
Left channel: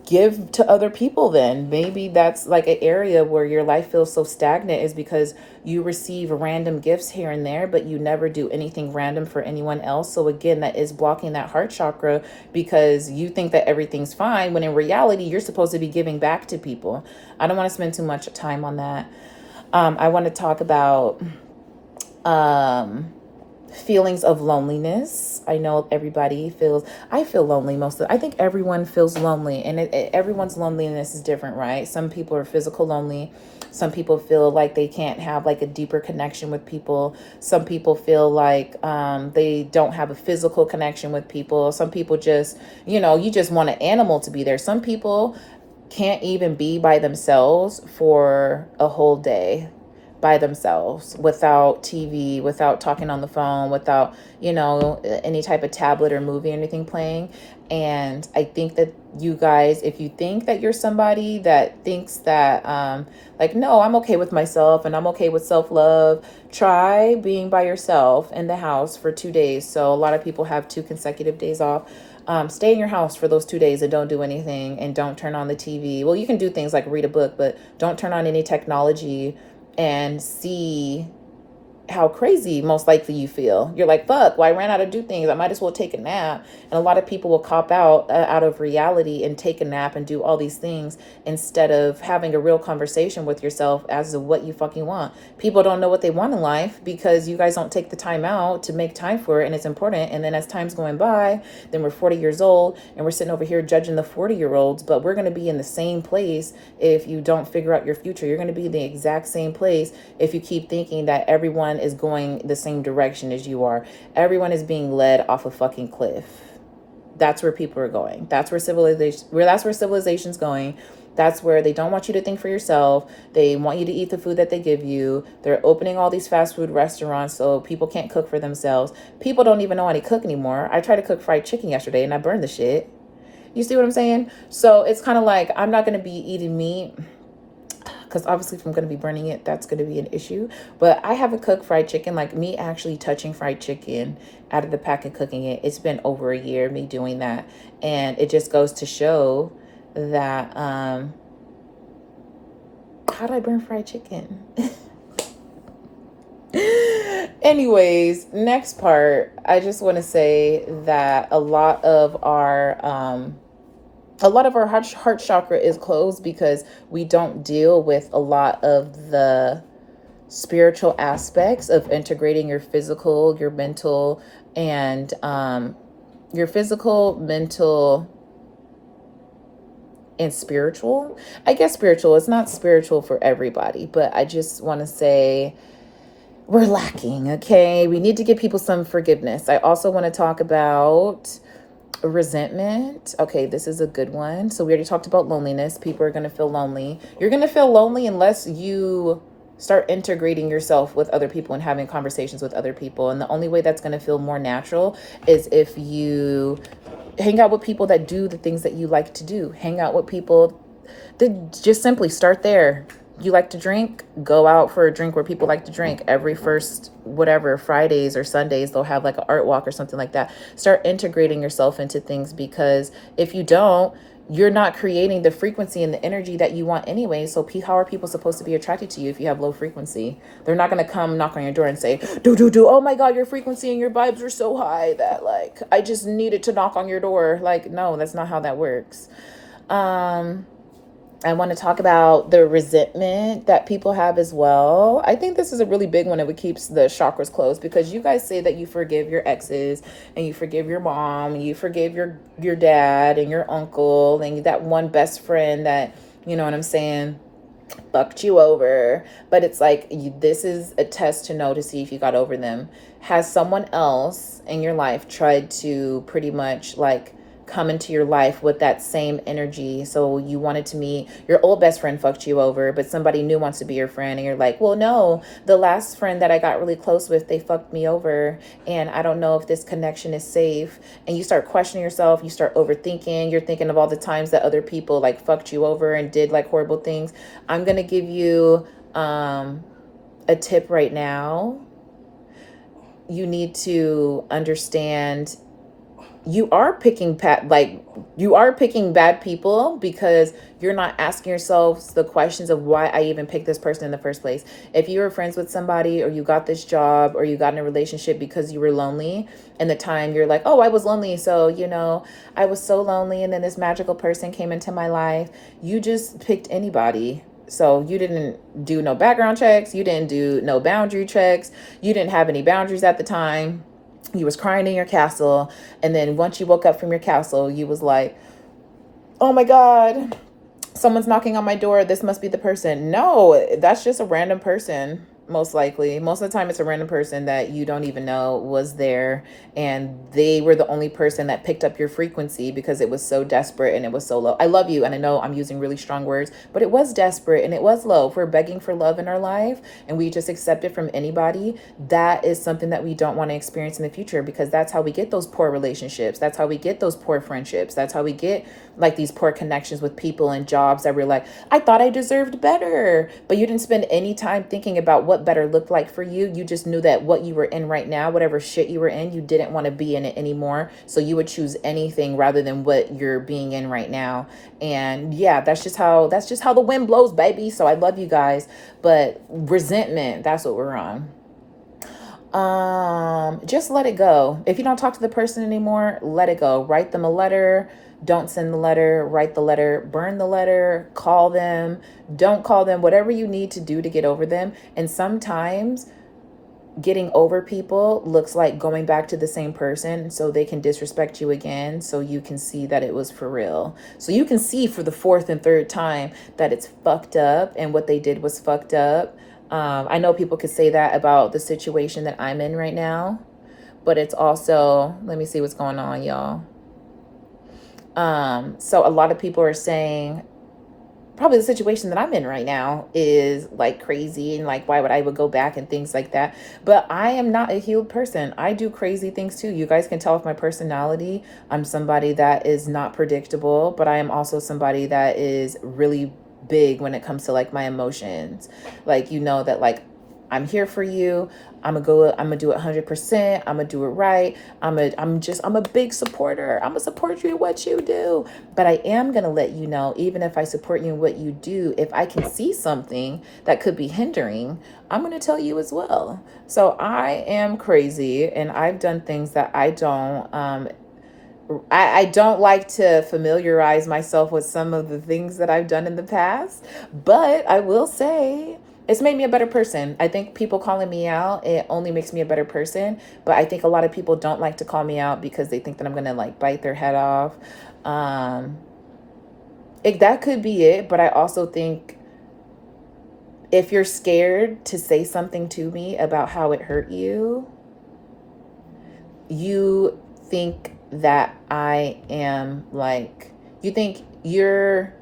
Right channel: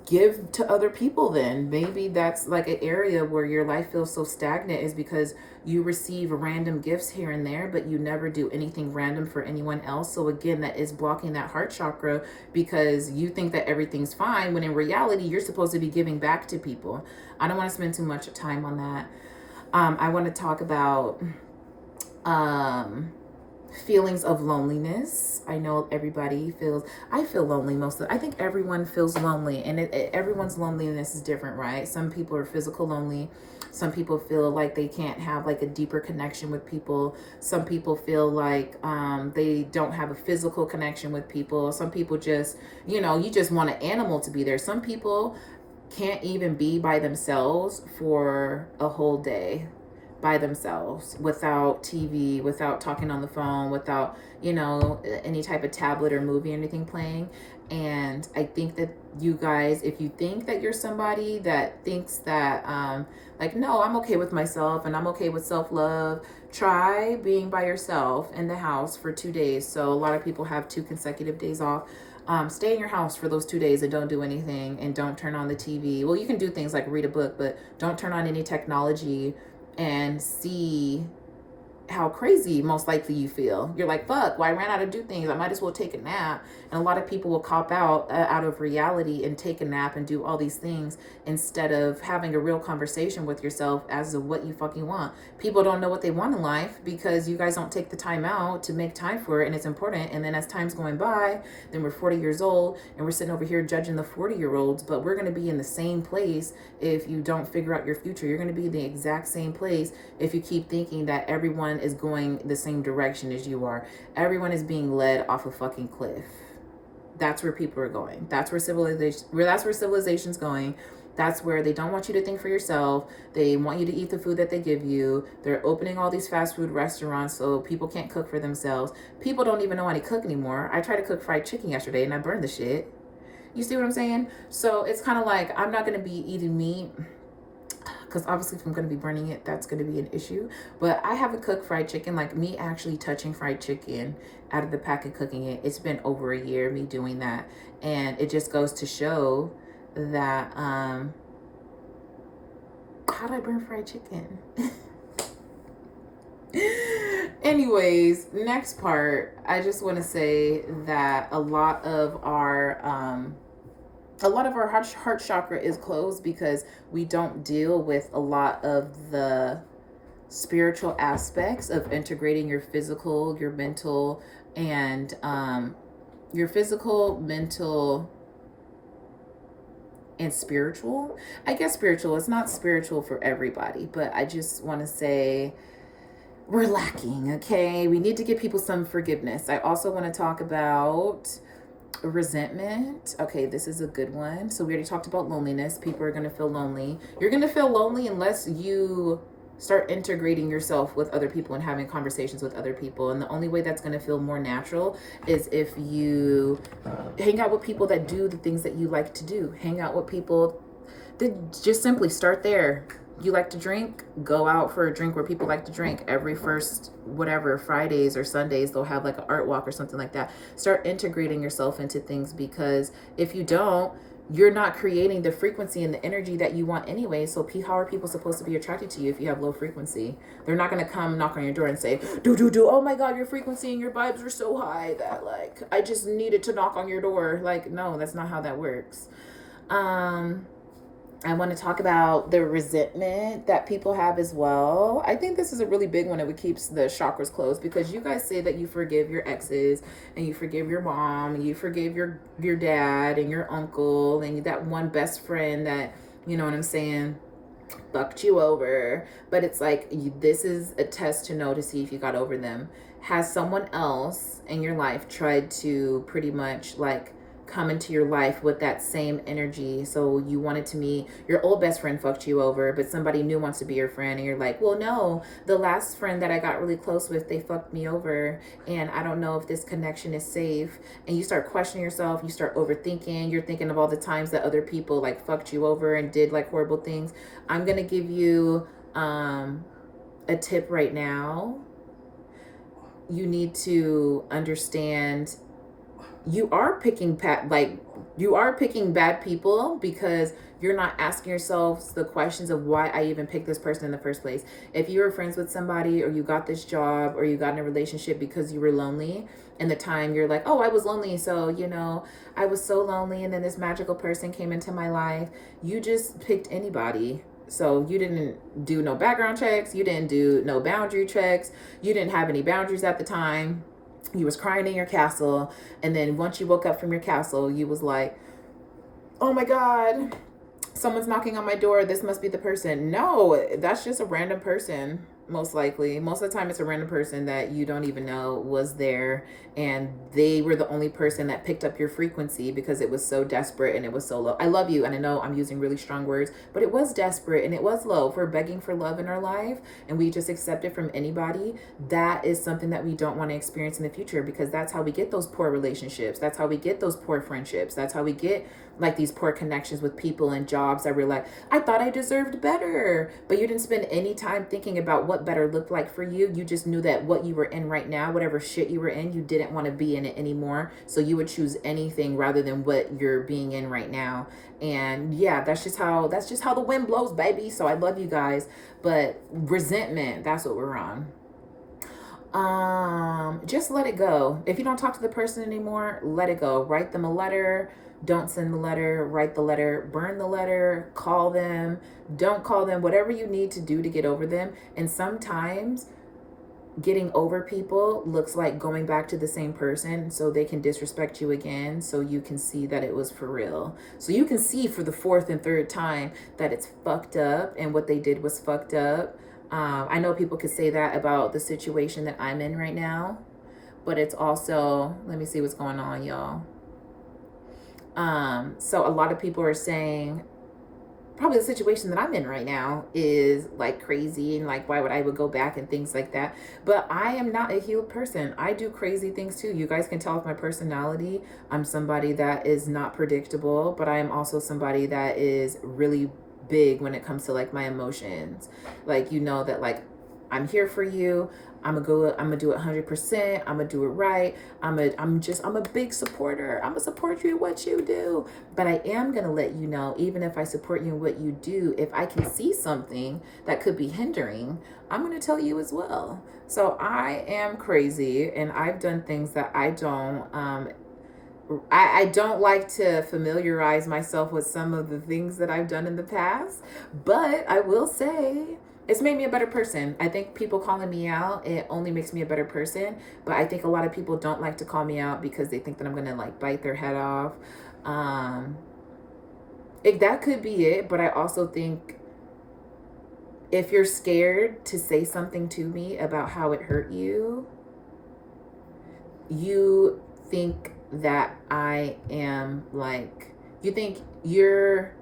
give to other people. Then maybe that's like an area where your life feels so stagnant, is because you receive random gifts here and there, but you never do anything random for anyone else. So again, that is blocking that heart chakra, because you think that everything's fine when in reality you're supposed to be giving back to people. I don't want to spend too much time on that. I want to talk about feelings of loneliness. I know I feel lonely I think everyone feels lonely, and everyone's loneliness is different, right? Some people are physical lonely. Some people feel like they can't have like a deeper connection with people. Some people feel like they don't have a physical connection with people. Some people just, you just want an animal to be there. Some people can't even be by themselves for a whole day. by themselves, without TV, without talking on the phone, without, any type of tablet or movie or anything playing. And I think that you guys, if you think that you're somebody that thinks that, no, I'm okay with myself and I'm okay with self-love, try being by yourself in the house for 2 days. So a lot of people have 2 consecutive days off. Stay in your house for those 2 days and don't do anything, and don't turn on the TV. Well, you can do things like read a book, but don't turn on any technology, and see how crazy most likely you feel. You're like, fuck, well, I ran out of do things. I might as well take a nap. And a lot of people will cop out of reality and take a nap and do all these things instead of having a real conversation with yourself as to what you fucking want. People don't know what they want in life because you guys don't take the time out to make time for it, and it's important. And then as time's going by, then we're 40 years old and we're sitting over here judging the 40-year-olds, but we're going to be in the same place if you don't figure out your future. You're going to be in the exact same place if you keep thinking that everyone is going the same direction as you are. Everyone is being led off a fucking cliff. That's where people are going. That's where civilization's going. That's where they don't want you to think for yourself. They want you to eat the food that they give you. They're opening all these fast food restaurants so people can't cook for themselves. People don't even know how to cook anymore. I tried to cook fried chicken yesterday and I burned the shit. You see what I'm saying? So it's kind of like, I'm not going to be eating meat, because obviously if I'm going to be burning it, that's going to be an issue. But I haven't cooked fried chicken, like me actually touching fried chicken out of the pack and cooking it. It's been over a year, me doing that. And it just goes to show that, how do I burn fried chicken? Anyways, next part, I just want to say that a lot of our heart chakra is closed because we don't deal with a lot of the spiritual aspects of integrating your physical, your mental, and your physical, mental, and spiritual. I guess spiritual is not spiritual for everybody, but I just want to say we're lacking, okay? We need to give people some forgiveness. I also want to talk about resentment. Okay, this is a good one. So we already talked about loneliness. People are going to feel lonely. You're going to feel lonely unless you start integrating yourself with other people and having conversations with other people. And the only way that's going to feel more natural is if you hang out with people that do the things that you like to do. Hang out with people that just simply start there. You like to drink? Go out for a drink where people like to drink. Every first, Fridays or Sundays, they'll have like an art walk or something like that. Start integrating yourself into things, because if you don't, you're not creating the frequency and the energy that you want anyway. So how are people supposed to be attracted to you if you have low frequency? They're not going to come knock on your door and say, oh my God, your frequency and your vibes are so high that like, I just needed to knock on your door. Like, no, that's not how that works. I want to talk about the resentment that people have as well. I think this is a really big one if it keeps the chakras closed, because you guys say that you forgive your exes and you forgive your mom and you forgive your dad and your uncle and that one best friend that, you know what I'm saying, fucked you over. But it's like, this is a test to know to see if you got over them. Has someone else in your life tried to pretty much like come into your life with that same energy? So you wanted to meet your old best friend, fucked you over, but somebody new wants to be your friend, and you're like, well, no, the last friend that I got really close with, they fucked me over, and I don't know if this connection is safe. And you start questioning yourself, you start overthinking, you're thinking of all the times that other people like fucked you over and did like horrible things. I'm gonna give you a tip right now. You need to understand you are picking bad people because you're not asking yourselves the questions of why I even picked this person in the first place. If you were friends with somebody, or you got this job, or you got in a relationship because you were lonely, and the time you're like, oh, I was lonely, so I was so lonely, and then this magical person came into my life. You just picked anybody. So you didn't do no background checks, you didn't do no boundary checks, you didn't have any boundaries at the time. You was crying in your castle, and then once you woke up from your castle, you was like, oh my God, someone's knocking on my door. This must be the person. No, that's just a random person. most likely. Most of the time, it's a random person that you don't even know was there, and they were the only person that picked up your frequency because it was so desperate and it was so low. I love you, and I know I'm using really strong words, but it was desperate and it was low. If we're begging for love in our life and we just accept it from anybody, that is something that we don't want to experience in the future, because that's how we get those poor relationships. That's how we get those poor friendships. That's how we get like these poor connections with people and jobs that we're like, I thought I deserved better, but you didn't spend any time thinking about what better looked like for you. You just knew that what you were in right now, whatever shit you were in, you didn't want to be in it anymore. So you would choose anything rather than what you're being in right now. And yeah, that's just how the wind blows, baby. So I love you guys, but resentment, that's what we're on. Just let it go. If you don't talk to the person anymore, let it go. Write them a letter. Don't send the letter. Write the letter. Burn the letter. Call them. Don't call them. Whatever you need to do to get over them. And sometimes getting over people looks like going back to the same person so they can disrespect you again, so you can see that it was for real. So you can see for the fourth and third time that it's fucked up and what they did was fucked up. I know people could say that about the situation that I'm in right now, but it's also, let me see what's going on, y'all. So a lot of people are saying probably the situation that I'm in right now is like crazy and like, why would I would go back and things like that. But I am not a healed person. I do crazy things too. You guys can tell with my personality. I'm somebody that is not predictable, but I am also somebody that is really big when it comes to like my emotions. Like, you know, that like I'm here for you. I'm gonna do it 100%. I'm gonna do it right. I'm a big supporter. I'm gonna support you in what you do. But I am gonna let you know, even if I support you in what you do, if I can see something that could be hindering, I'm gonna tell you as well. So I am crazy, and I've done things that I don't like to familiarize myself with some of the things that I've done in the past, but I will say it's made me a better person. I think people calling me out, it only makes me a better person. But I think a lot of people don't like to call me out because they think that I'm going to like bite their head off. If that could be it, but I also think if you're scared to say something to me about how it hurt you, you think that I am like, you think you're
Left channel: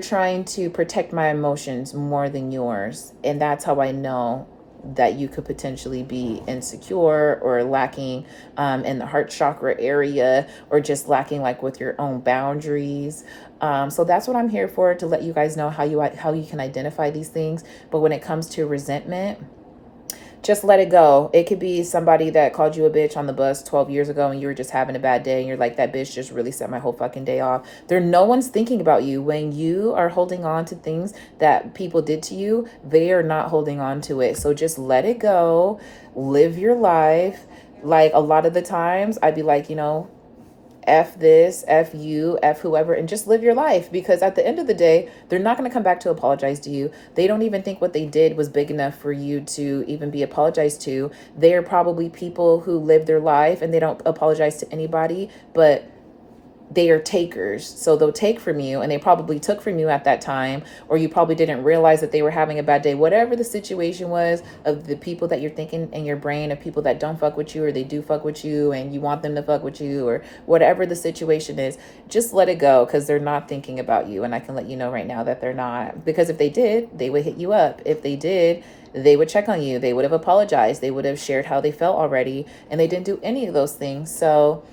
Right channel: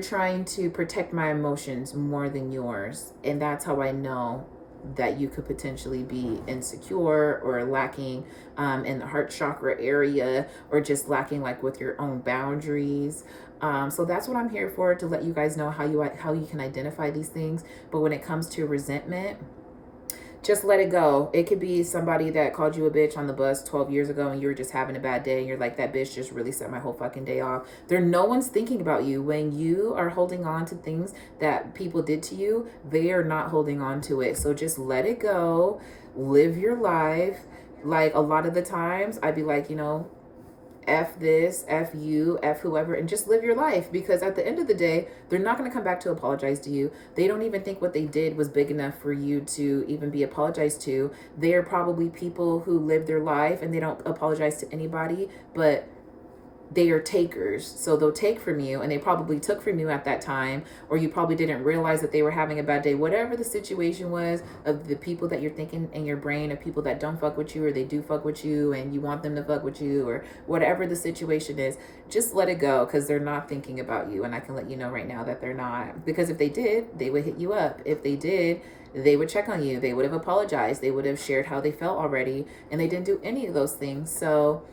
trying to protect my emotions more than yours. And that's how I know that you could potentially be insecure or lacking in the heart chakra area, or just lacking like with your own boundaries. So that's what I'm here for, to let you guys know how you can identify these things. But when it comes to resentment, just let it go. It could be somebody that called you a bitch on the bus 12 years ago and you were just having a bad day and you're like, that bitch just really set my whole fucking day off. No one's thinking about you. When you are holding on to things that people did to you, they are not holding on to it. So just let it go. Live your life. Like a lot of the times I'd be like, you know, F this, F you, F whoever, and just live your life. Because at the end of the day, they're not going to come back to apologize to you. They don't even think what they did was big enough for you to even be apologized to. They're probably people who live their life and they don't apologize to anybody, but they are takers. So they'll take from you, and they probably took from you at that time, or you probably didn't realize that they were having a bad day. Whatever the situation was, of the people that you're thinking in your brain, of people that don't fuck with you or they do fuck with you and you want them to fuck with you, or whatever the situation is, just let it go, because they're not thinking about you. And I can let you know right now that they're not, because if they did, they would hit you up. If they did, they would check on you. They would have apologized. They would have shared how they felt already, and they didn't do any of those things. So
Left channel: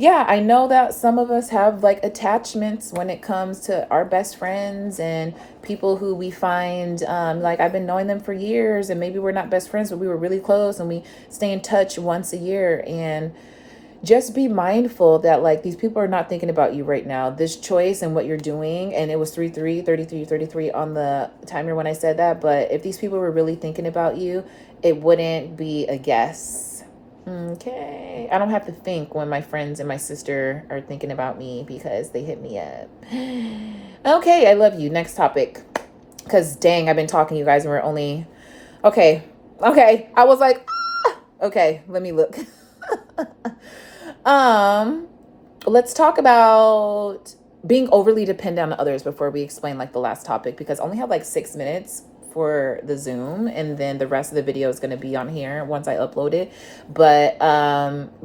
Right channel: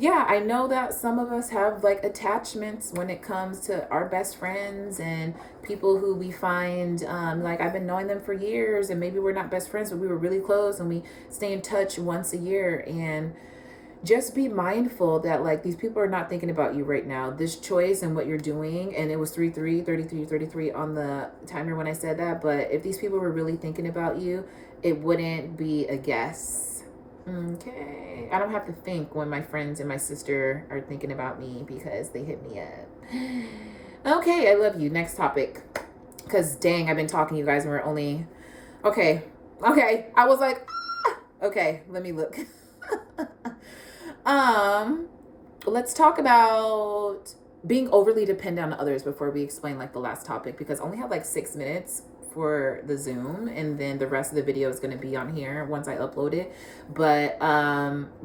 yeah, I know that some of us have like attachments when it comes to our best friends and people who we find like I've been knowing them for years, and maybe we're not best friends, but we were really close and we stay in touch once a year. And just be mindful that like these people are not thinking about you right now. This choice and what you're doing, and it was 33 on the timer when I said that, but if these people were really thinking about you, it wouldn't be a guess. Okay. I don't have to think when my friends and my sister are thinking about me because they hit me up. Okay, I love you. Next topic. Because dang, I've been talking to you guys and we're only... Okay. I was like, okay, let me look. Let's talk about being overly dependent on others before we explain like the last topic, because I only have like 6 minutes for the Zoom, and then the rest of the video is going to be on here once I upload it. But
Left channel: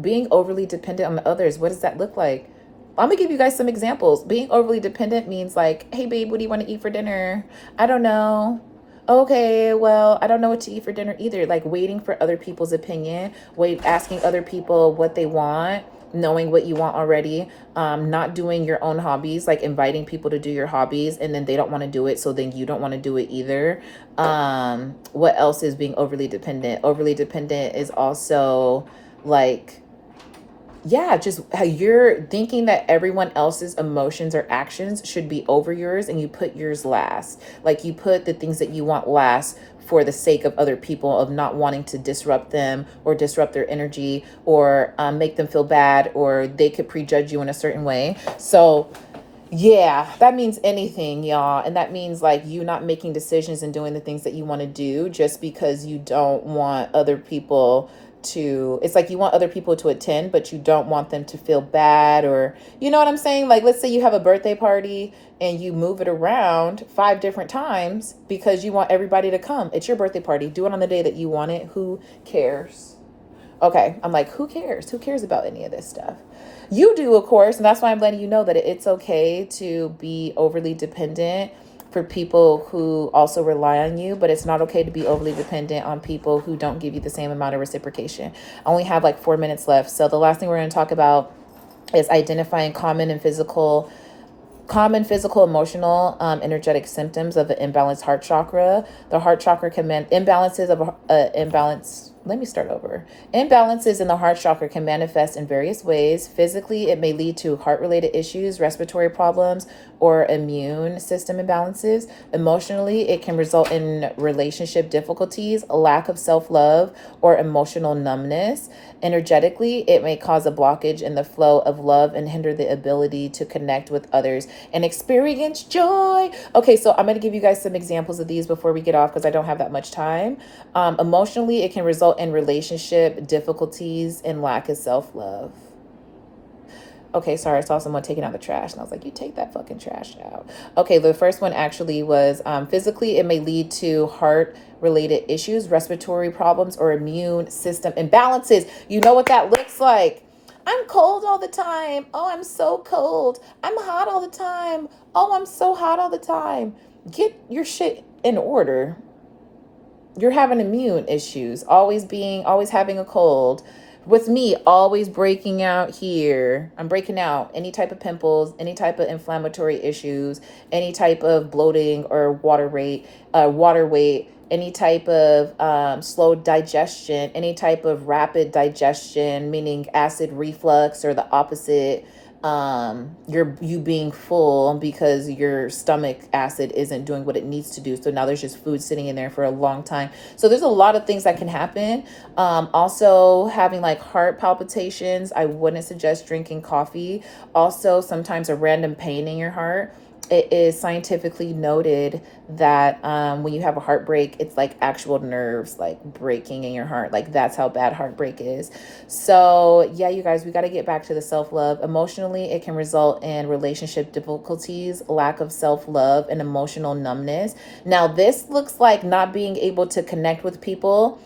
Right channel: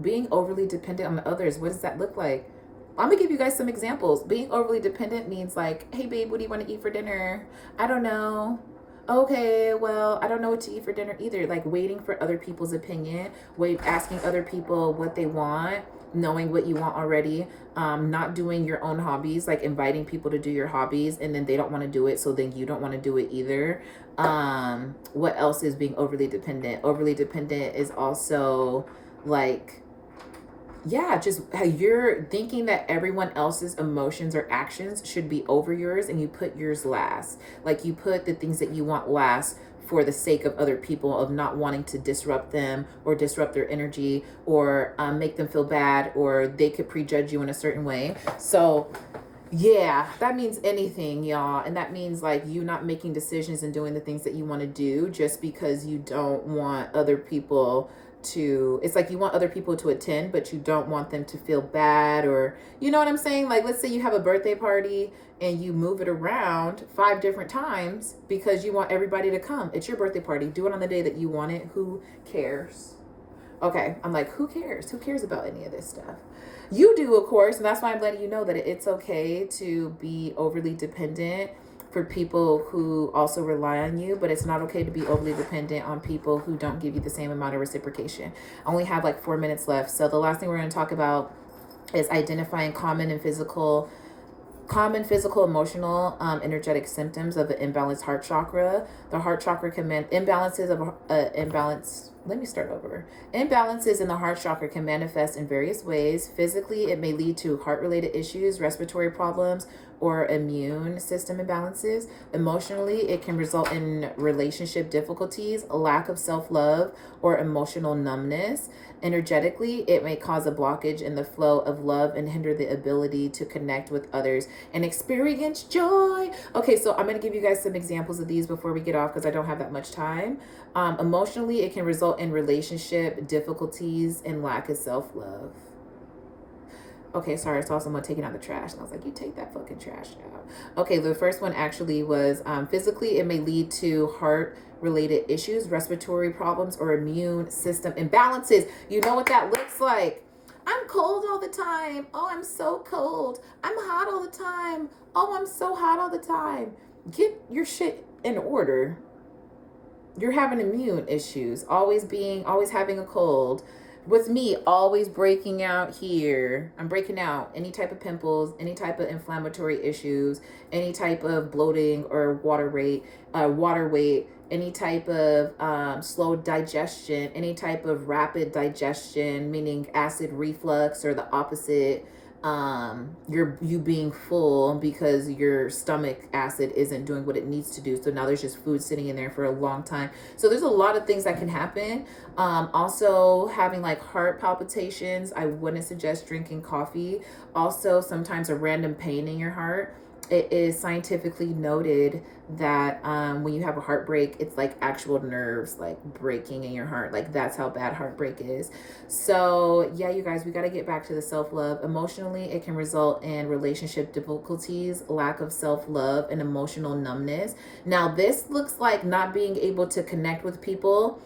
being overly dependent on others, what does that look like? I'm gonna give you guys some examples. Being overly dependent means like, hey babe, what do you want to eat for dinner? I don't know. Okay, well, I don't know what to eat for dinner either. Like waiting for other people's opinion, asking other people what they want, knowing what you want already, not doing your own hobbies, like inviting people to do your hobbies and then they don't want to do it, so then you don't want to do it either. What else is being overly dependent? Overly dependent is also like, yeah, just how you're thinking that everyone else's emotions or actions should be over yours and you put yours last. Like you put the things that you want last for the sake of other people, of not wanting to disrupt them or disrupt their energy or make them feel bad, or they could prejudge you in a certain way. So yeah, that means anything, y'all. And that means like you not making decisions and doing the things that you want to do just because you don't want other people to, it's like you want other people to attend, but you don't want them to feel bad, or you know what I'm saying? Like, let's say you have a birthday party and you move it around 5 different times because you want everybody to come. It's your birthday party. Do it on the day that you want it. Who cares? Okay. I'm like, who cares? Who cares about any of this stuff? You do, of course. And that's why I'm letting you know that it's okay to be overly dependent for people who also rely on you, but it's not okay to be overly dependent on people who don't give you the same amount of reciprocation. I only have like 4 minutes left. So the last thing we're going to talk about is identifying common physical, emotional, energetic symptoms of an imbalanced heart chakra. The heart chakra can imbalances of imbalance. Let me start over. Imbalances in the heart chakra can manifest in various ways. Physically, it may lead to heart-related issues, respiratory problems, or immune system imbalances. Emotionally, it can result in relationship difficulties, a lack of self-love, or emotional numbness. Energetically, it may cause a blockage in the flow of love and hinder the ability to connect with others and experience joy. Okay, so I'm going to give you guys some examples of these before we get off because I don't have that much time. Emotionally, it can result in relationship difficulties and lack of self-love. Okay, sorry, I saw someone taking out the trash, and I was like, you take that fucking trash out. Okay, the first one actually was physically, it may lead to heart-related issues, respiratory problems, or immune system imbalances. You know what that looks like. I'm cold all the time. Oh, I'm so cold. I'm hot all the time. Oh, I'm so hot all the time. Get your shit in order. You're having immune issues, always having a cold. With me, always breaking out here. I'm breaking out any type of pimples, any type of inflammatory issues, any type of bloating or water weight, any type of slow digestion, any type of rapid digestion, meaning acid reflux, or the opposite. You being full because your stomach acid isn't doing what it needs to do. So now there's just food sitting in there for a long time. So there's a lot of things that can happen. Also having like heart palpitations. I wouldn't suggest drinking coffee. Also sometimes a random pain in your heart. It is scientifically noted that when you have a heartbreak, it's like actual nerves like breaking in your heart. Like that's how bad heartbreak is. So yeah, you guys, we got to get back to the self-love. Emotionally, it can result in relationship difficulties, lack of self-love, and emotional numbness. Now, this looks like not being able to connect with people.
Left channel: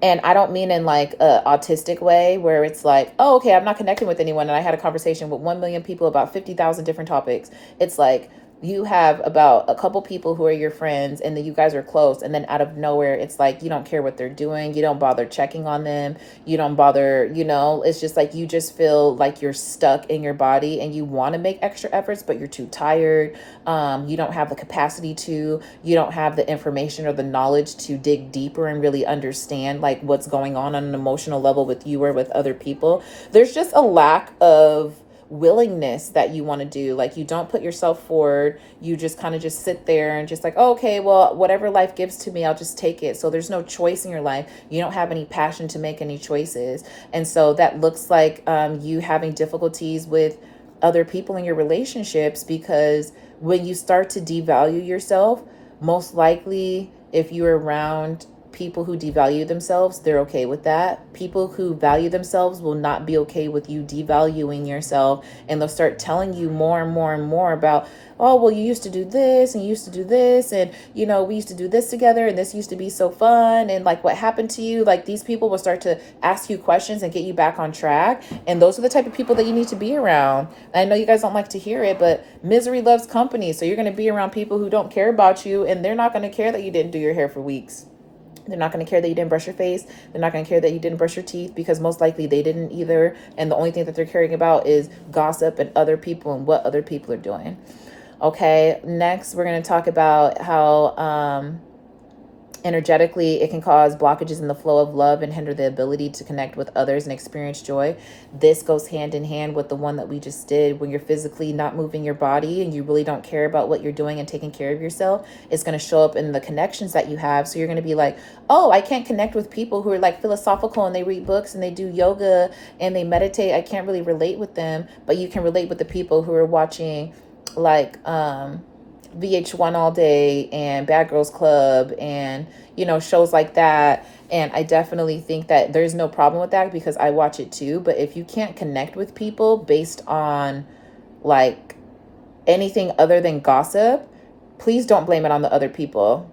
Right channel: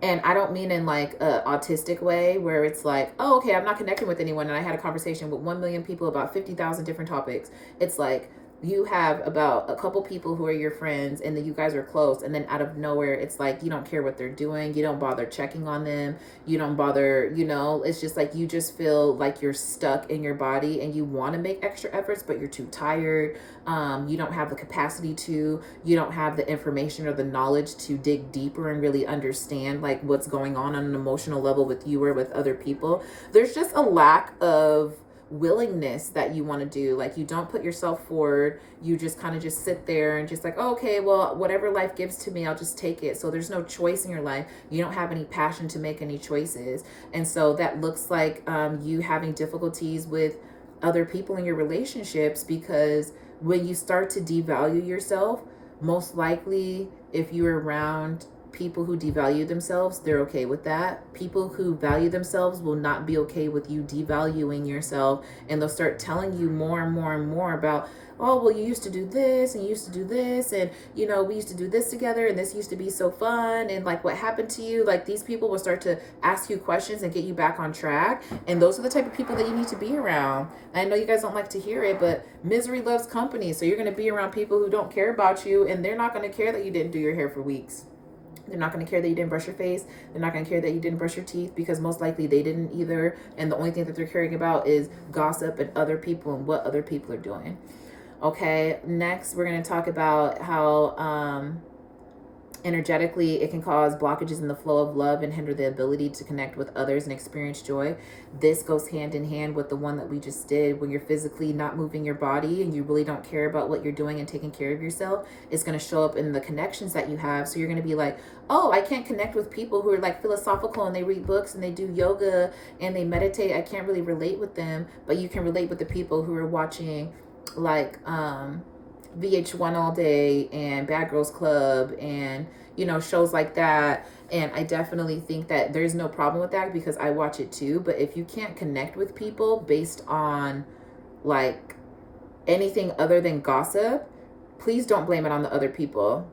And I don't mean in like a autistic way where it's like, oh, okay, I'm not connecting with anyone. And I had a conversation with 1 million people about 50,000 different topics. It's like you have about a couple people who are your friends and then you guys are close. And then out of nowhere, it's like you don't care what they're doing. You don't bother checking on them. You don't bother, it's just like you just feel like you're stuck in your body and you want to make extra efforts, but you're too tired. You don't have the capacity to, you don't have the information or the knowledge to dig deeper and really understand like what's going on an emotional level with you or with other people. There's just a lack of willingness that you want to do. Like you don't put yourself forward. You just kind of just sit there and just like, oh, okay, well, whatever life gives to me, I'll just take it. So there's no choice in your life. You don't have any passion to make any choices. And so that looks like you having difficulties with other people in your relationships, because when you start to devalue yourself, most likely if you're around people who devalue themselves, they're okay with that. People who value themselves will not be okay with you devaluing yourself, and they'll start telling you more and more and more about oh, well, you used to do this and you used to do this. And, you know, we used to do this together and this used to be so fun. And like, what happened to you? Like, these people will start to ask you questions and get you back on track. And those are the type of people that you need to be around. And I know you guys don't like to hear it, but misery loves company. So you're going to be around people who don't care about you, and they're not going to care that you didn't do your hair for weeks. They're not going to care that you didn't brush your face. They're not going to care that you didn't brush your teeth, because most likely they didn't either. And the only thing that they're caring about is gossip and other people and what other people are doing. Okay, next we're going to talk about how energetically it can cause blockages in the flow of love and hinder the ability to connect with others and experience joy. This goes hand in hand with the one that we just did. When you're physically not moving your body and you really don't care about what you're doing and taking care of yourself, it's going to show up in the connections that you have. So you're going to be like, oh, I can't connect with people who are like philosophical and they read books and they do yoga and they meditate. I can't really relate with them. But you can relate with the people who are watching like VH1 all day and Bad Girls Club and, you know, shows like that. And I definitely think that there's no problem with that, because I watch it too. But if you can't connect with people based on like anything other than gossip, please don't blame it on the other people.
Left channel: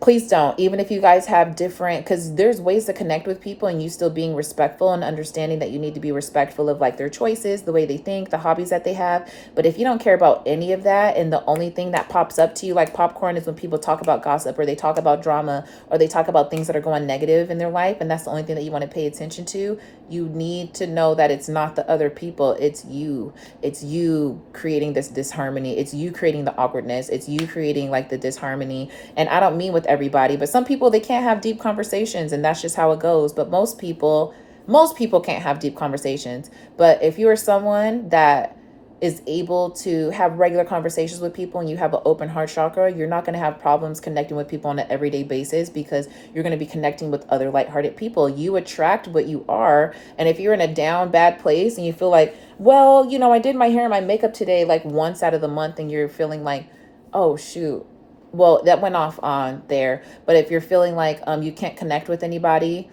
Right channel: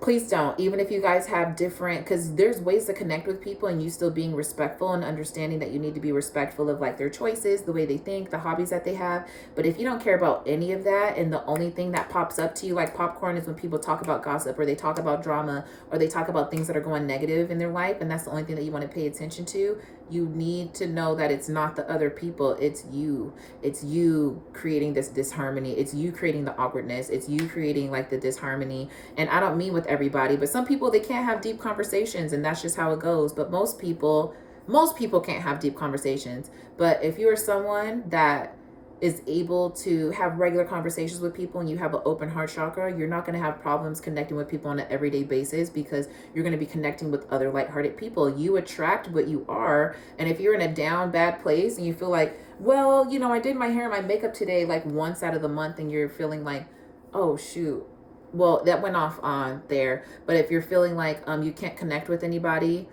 Please don't. Even if you guys have different, because there's ways to connect with people and you still being respectful and understanding that you need to be respectful of like their choices, the way they think, the hobbies that they have. But if you don't care about any of that, and the only thing that pops up to you like popcorn is when people talk about gossip, or they talk about drama, or they talk about things that are going negative in their life, and that's the only thing that you want to pay attention to, you need to know that it's not the other people, it's you. It's you creating this disharmony. It's you creating the awkwardness. It's you creating like the disharmony. And I don't mean with everybody, but some people, they can't have deep conversations, and that's just how it goes. But most people can't have deep conversations. But if you are someone that is able to have regular conversations with people and you have an open heart chakra, you're not going to have problems connecting with people on an everyday basis, because you're going to be connecting with other lighthearted people. You attract what you are. And if you're in a down bad place and you feel like, well, you know, I did my hair and my makeup today like once out of the month, and you're feeling like, oh shoot, well, that went off on there. But if you're feeling like you can't connect with anybody,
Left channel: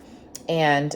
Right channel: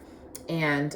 and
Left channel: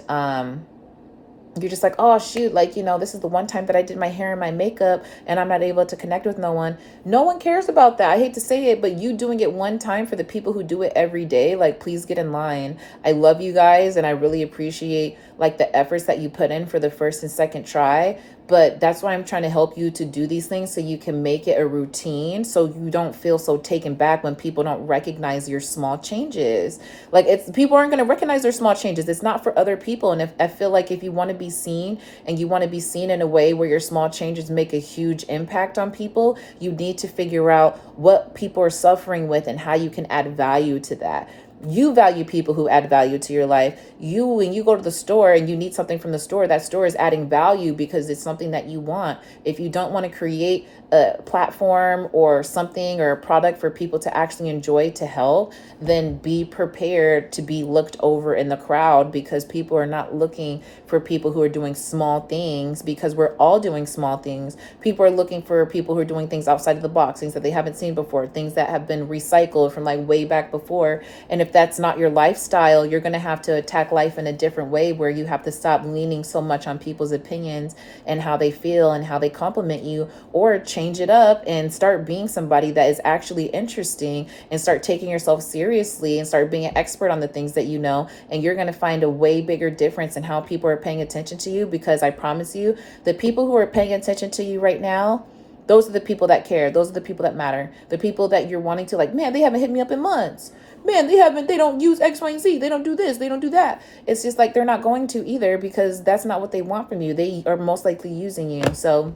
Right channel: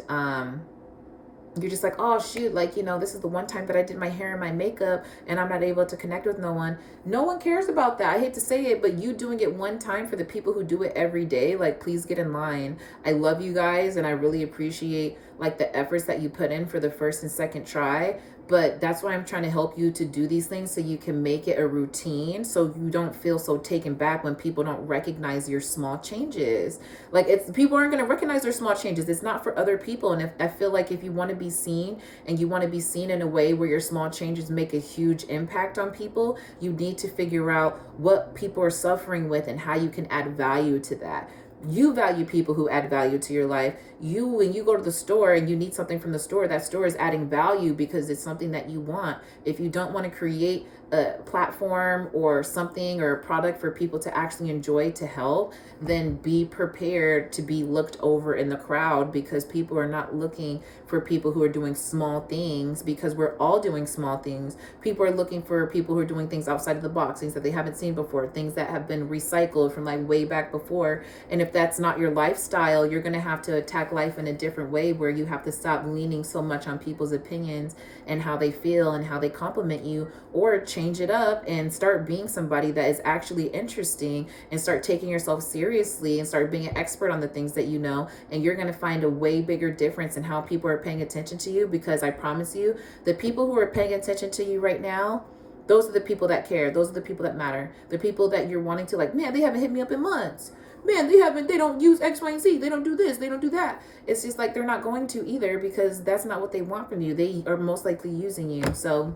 you're just like, oh shoot, like, you know, this is the one time that I did my hair and my makeup and I'm not able to connect with no one. No one cares about that. I hate to say it, but you doing it one time, for the people who do it every day, like, please get in line. I love you guys, and I really appreciate like the efforts that you put in for the first and second try. But that's why I'm trying to help you to do these things, so you can make it a routine, so you don't feel so taken back when people don't recognize your small changes. Like, it's, people aren't going to recognize their small changes. It's not for other people. And if I feel like if you want to be seen, and you want to be seen in a way where your small changes make a huge impact on people, you need to figure out what people are suffering with and how you can add value to that. You value people who add value to your life. You, when you go to the store and you need something from the store, that store is adding value because it's something that you want. If you don't want to create a platform or something or a product for people to actually enjoy, to help, then be prepared to be looked over in the crowd, because people are not looking for people who are doing small things, because we're all doing small things. People are looking for people who are doing things outside of the box, things that they haven't seen before, things that have been recycled from like way back before. And if that's not your lifestyle, you're going to have to attack life in a different way, where you have to stop leaning so much on people's opinions and how they feel and how they compliment you, or change it up and start being somebody that is actually interesting, and start taking yourself seriously and start being an expert on the things that you know. And you're going to find a way bigger difference in how people are paying attention to you, because I promise you, the people who are paying attention to you right now, those are the people that care. Those are the people that matter. The people that you're wanting to, like, man, they haven't hit me up in months. Man, they don't use X, Y, and Z. They don't do this. They don't do that. It's just like, they're not going to either, because that's not what they want from you. They are most likely using you. So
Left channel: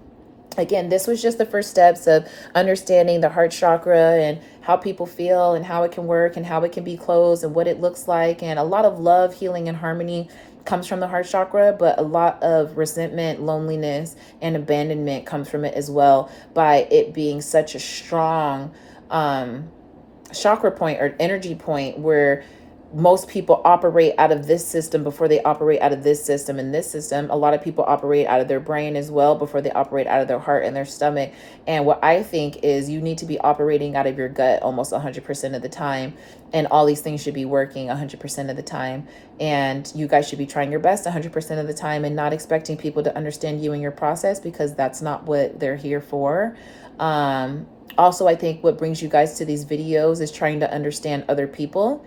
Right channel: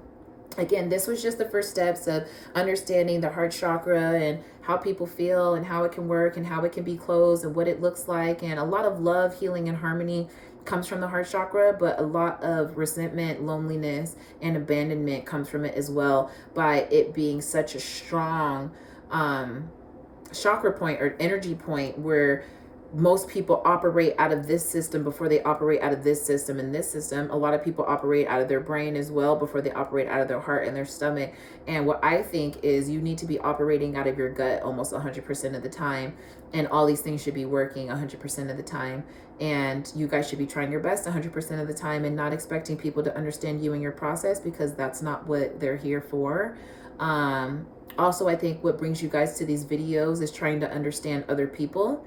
again, this was just the first steps of understanding the heart chakra and how people feel and how it can work and how it can be closed and what it looks like. And a lot of love, healing, and harmony comes from the heart chakra, but a lot of resentment, loneliness, and abandonment comes from it as well, by it being such a strong chakra point or energy point, where most people operate out of this system before they operate out of this system. In this system, a lot of people operate out of their brain as well before they operate out of their heart and their stomach. And what I think is, you need to be operating out of your gut almost 100% of the time. And all these things should be working 100% of the time. And you guys should be trying your best 100% of the time, and not expecting people to understand you and your process, because that's not what they're here for. Also, I think what brings you guys to these videos is trying to understand other people.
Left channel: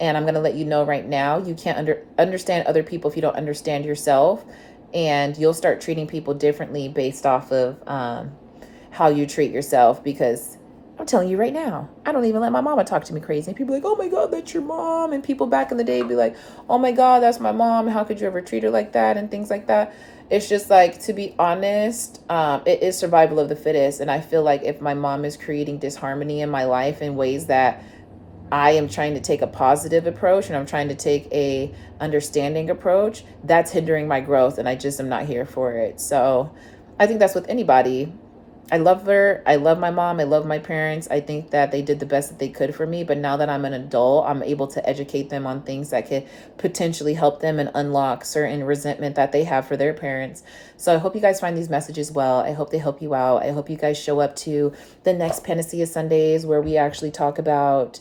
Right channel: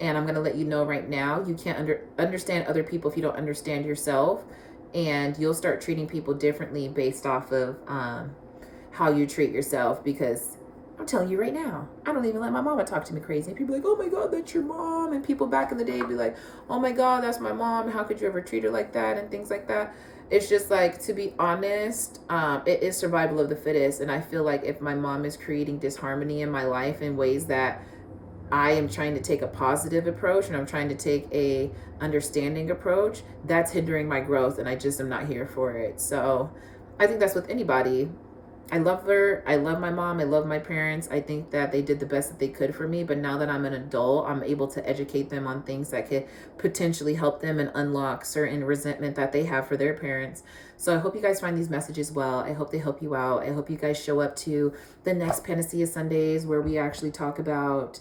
And I'm going to let you know right now, you can't understand other people if you don't understand yourself. And you'll start treating people differently based off of how you treat yourself. Because I'm telling you right now, I don't even let my mama talk to me crazy. And people are like, oh my God, that's your mom. And people back in the day be like, oh my God, that's my mom. How could you ever treat her like that? And things like that. It's just like, to be honest, it is survival of the fittest. And I feel like if my mom is creating disharmony in my life in ways that I am trying to take a positive approach and I'm trying to take a understanding approach, that's hindering my growth, and I just am not here for it. So I think that's with anybody. I love her. I love my mom. I love my parents. I think that they did the best that they could for me. But now that I'm an adult, I'm able to educate them on things that could potentially help them and unlock certain resentment that they have for their parents. So I hope you guys find these messages well. I hope they help you out. I hope you guys show up to the next Panacea Sundays where we actually talk about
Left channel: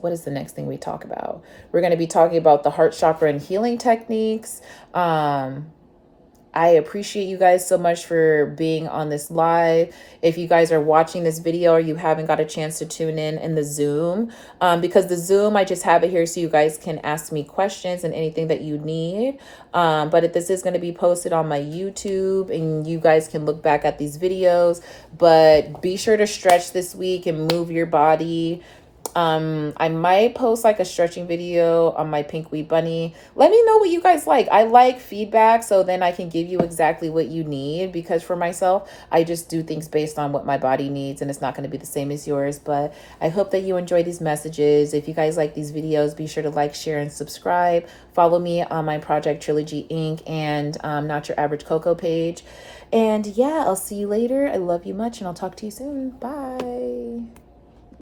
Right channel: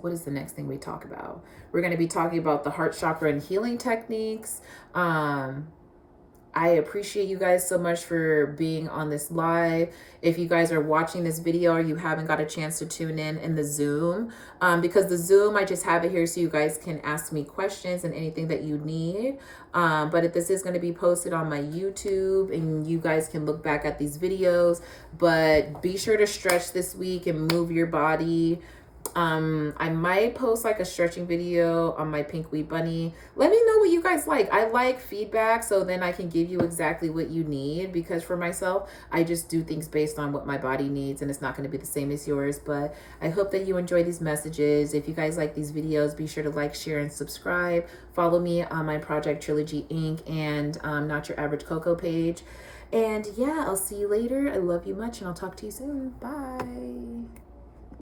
what is the next thing we talk about? We're going to be talking about the heart chakra and healing techniques. I appreciate you guys so much for being on this live. If you guys are watching this video or you haven't got a chance to tune in the Zoom, because the Zoom, I just have it here so you guys can ask me questions and anything that you need. But if this is going to be posted on my YouTube and you guys can look back at these videos, but be sure to stretch this week and move your body. I might post like a stretching video on my Pink Wheat Bunny. Let me know what you guys like. I like feedback, so then I can give you exactly what you need, because for myself, I just do things based on what my body needs, and it's not going to be the same as yours. But I hope that you enjoy these messages. If you guys like these videos, be sure to like, share, and subscribe. Follow me on my Project Trilogy Inc. and Not Your Average Coco page. And yeah, I'll see you later. I love you much, and I'll talk to you soon. Bye.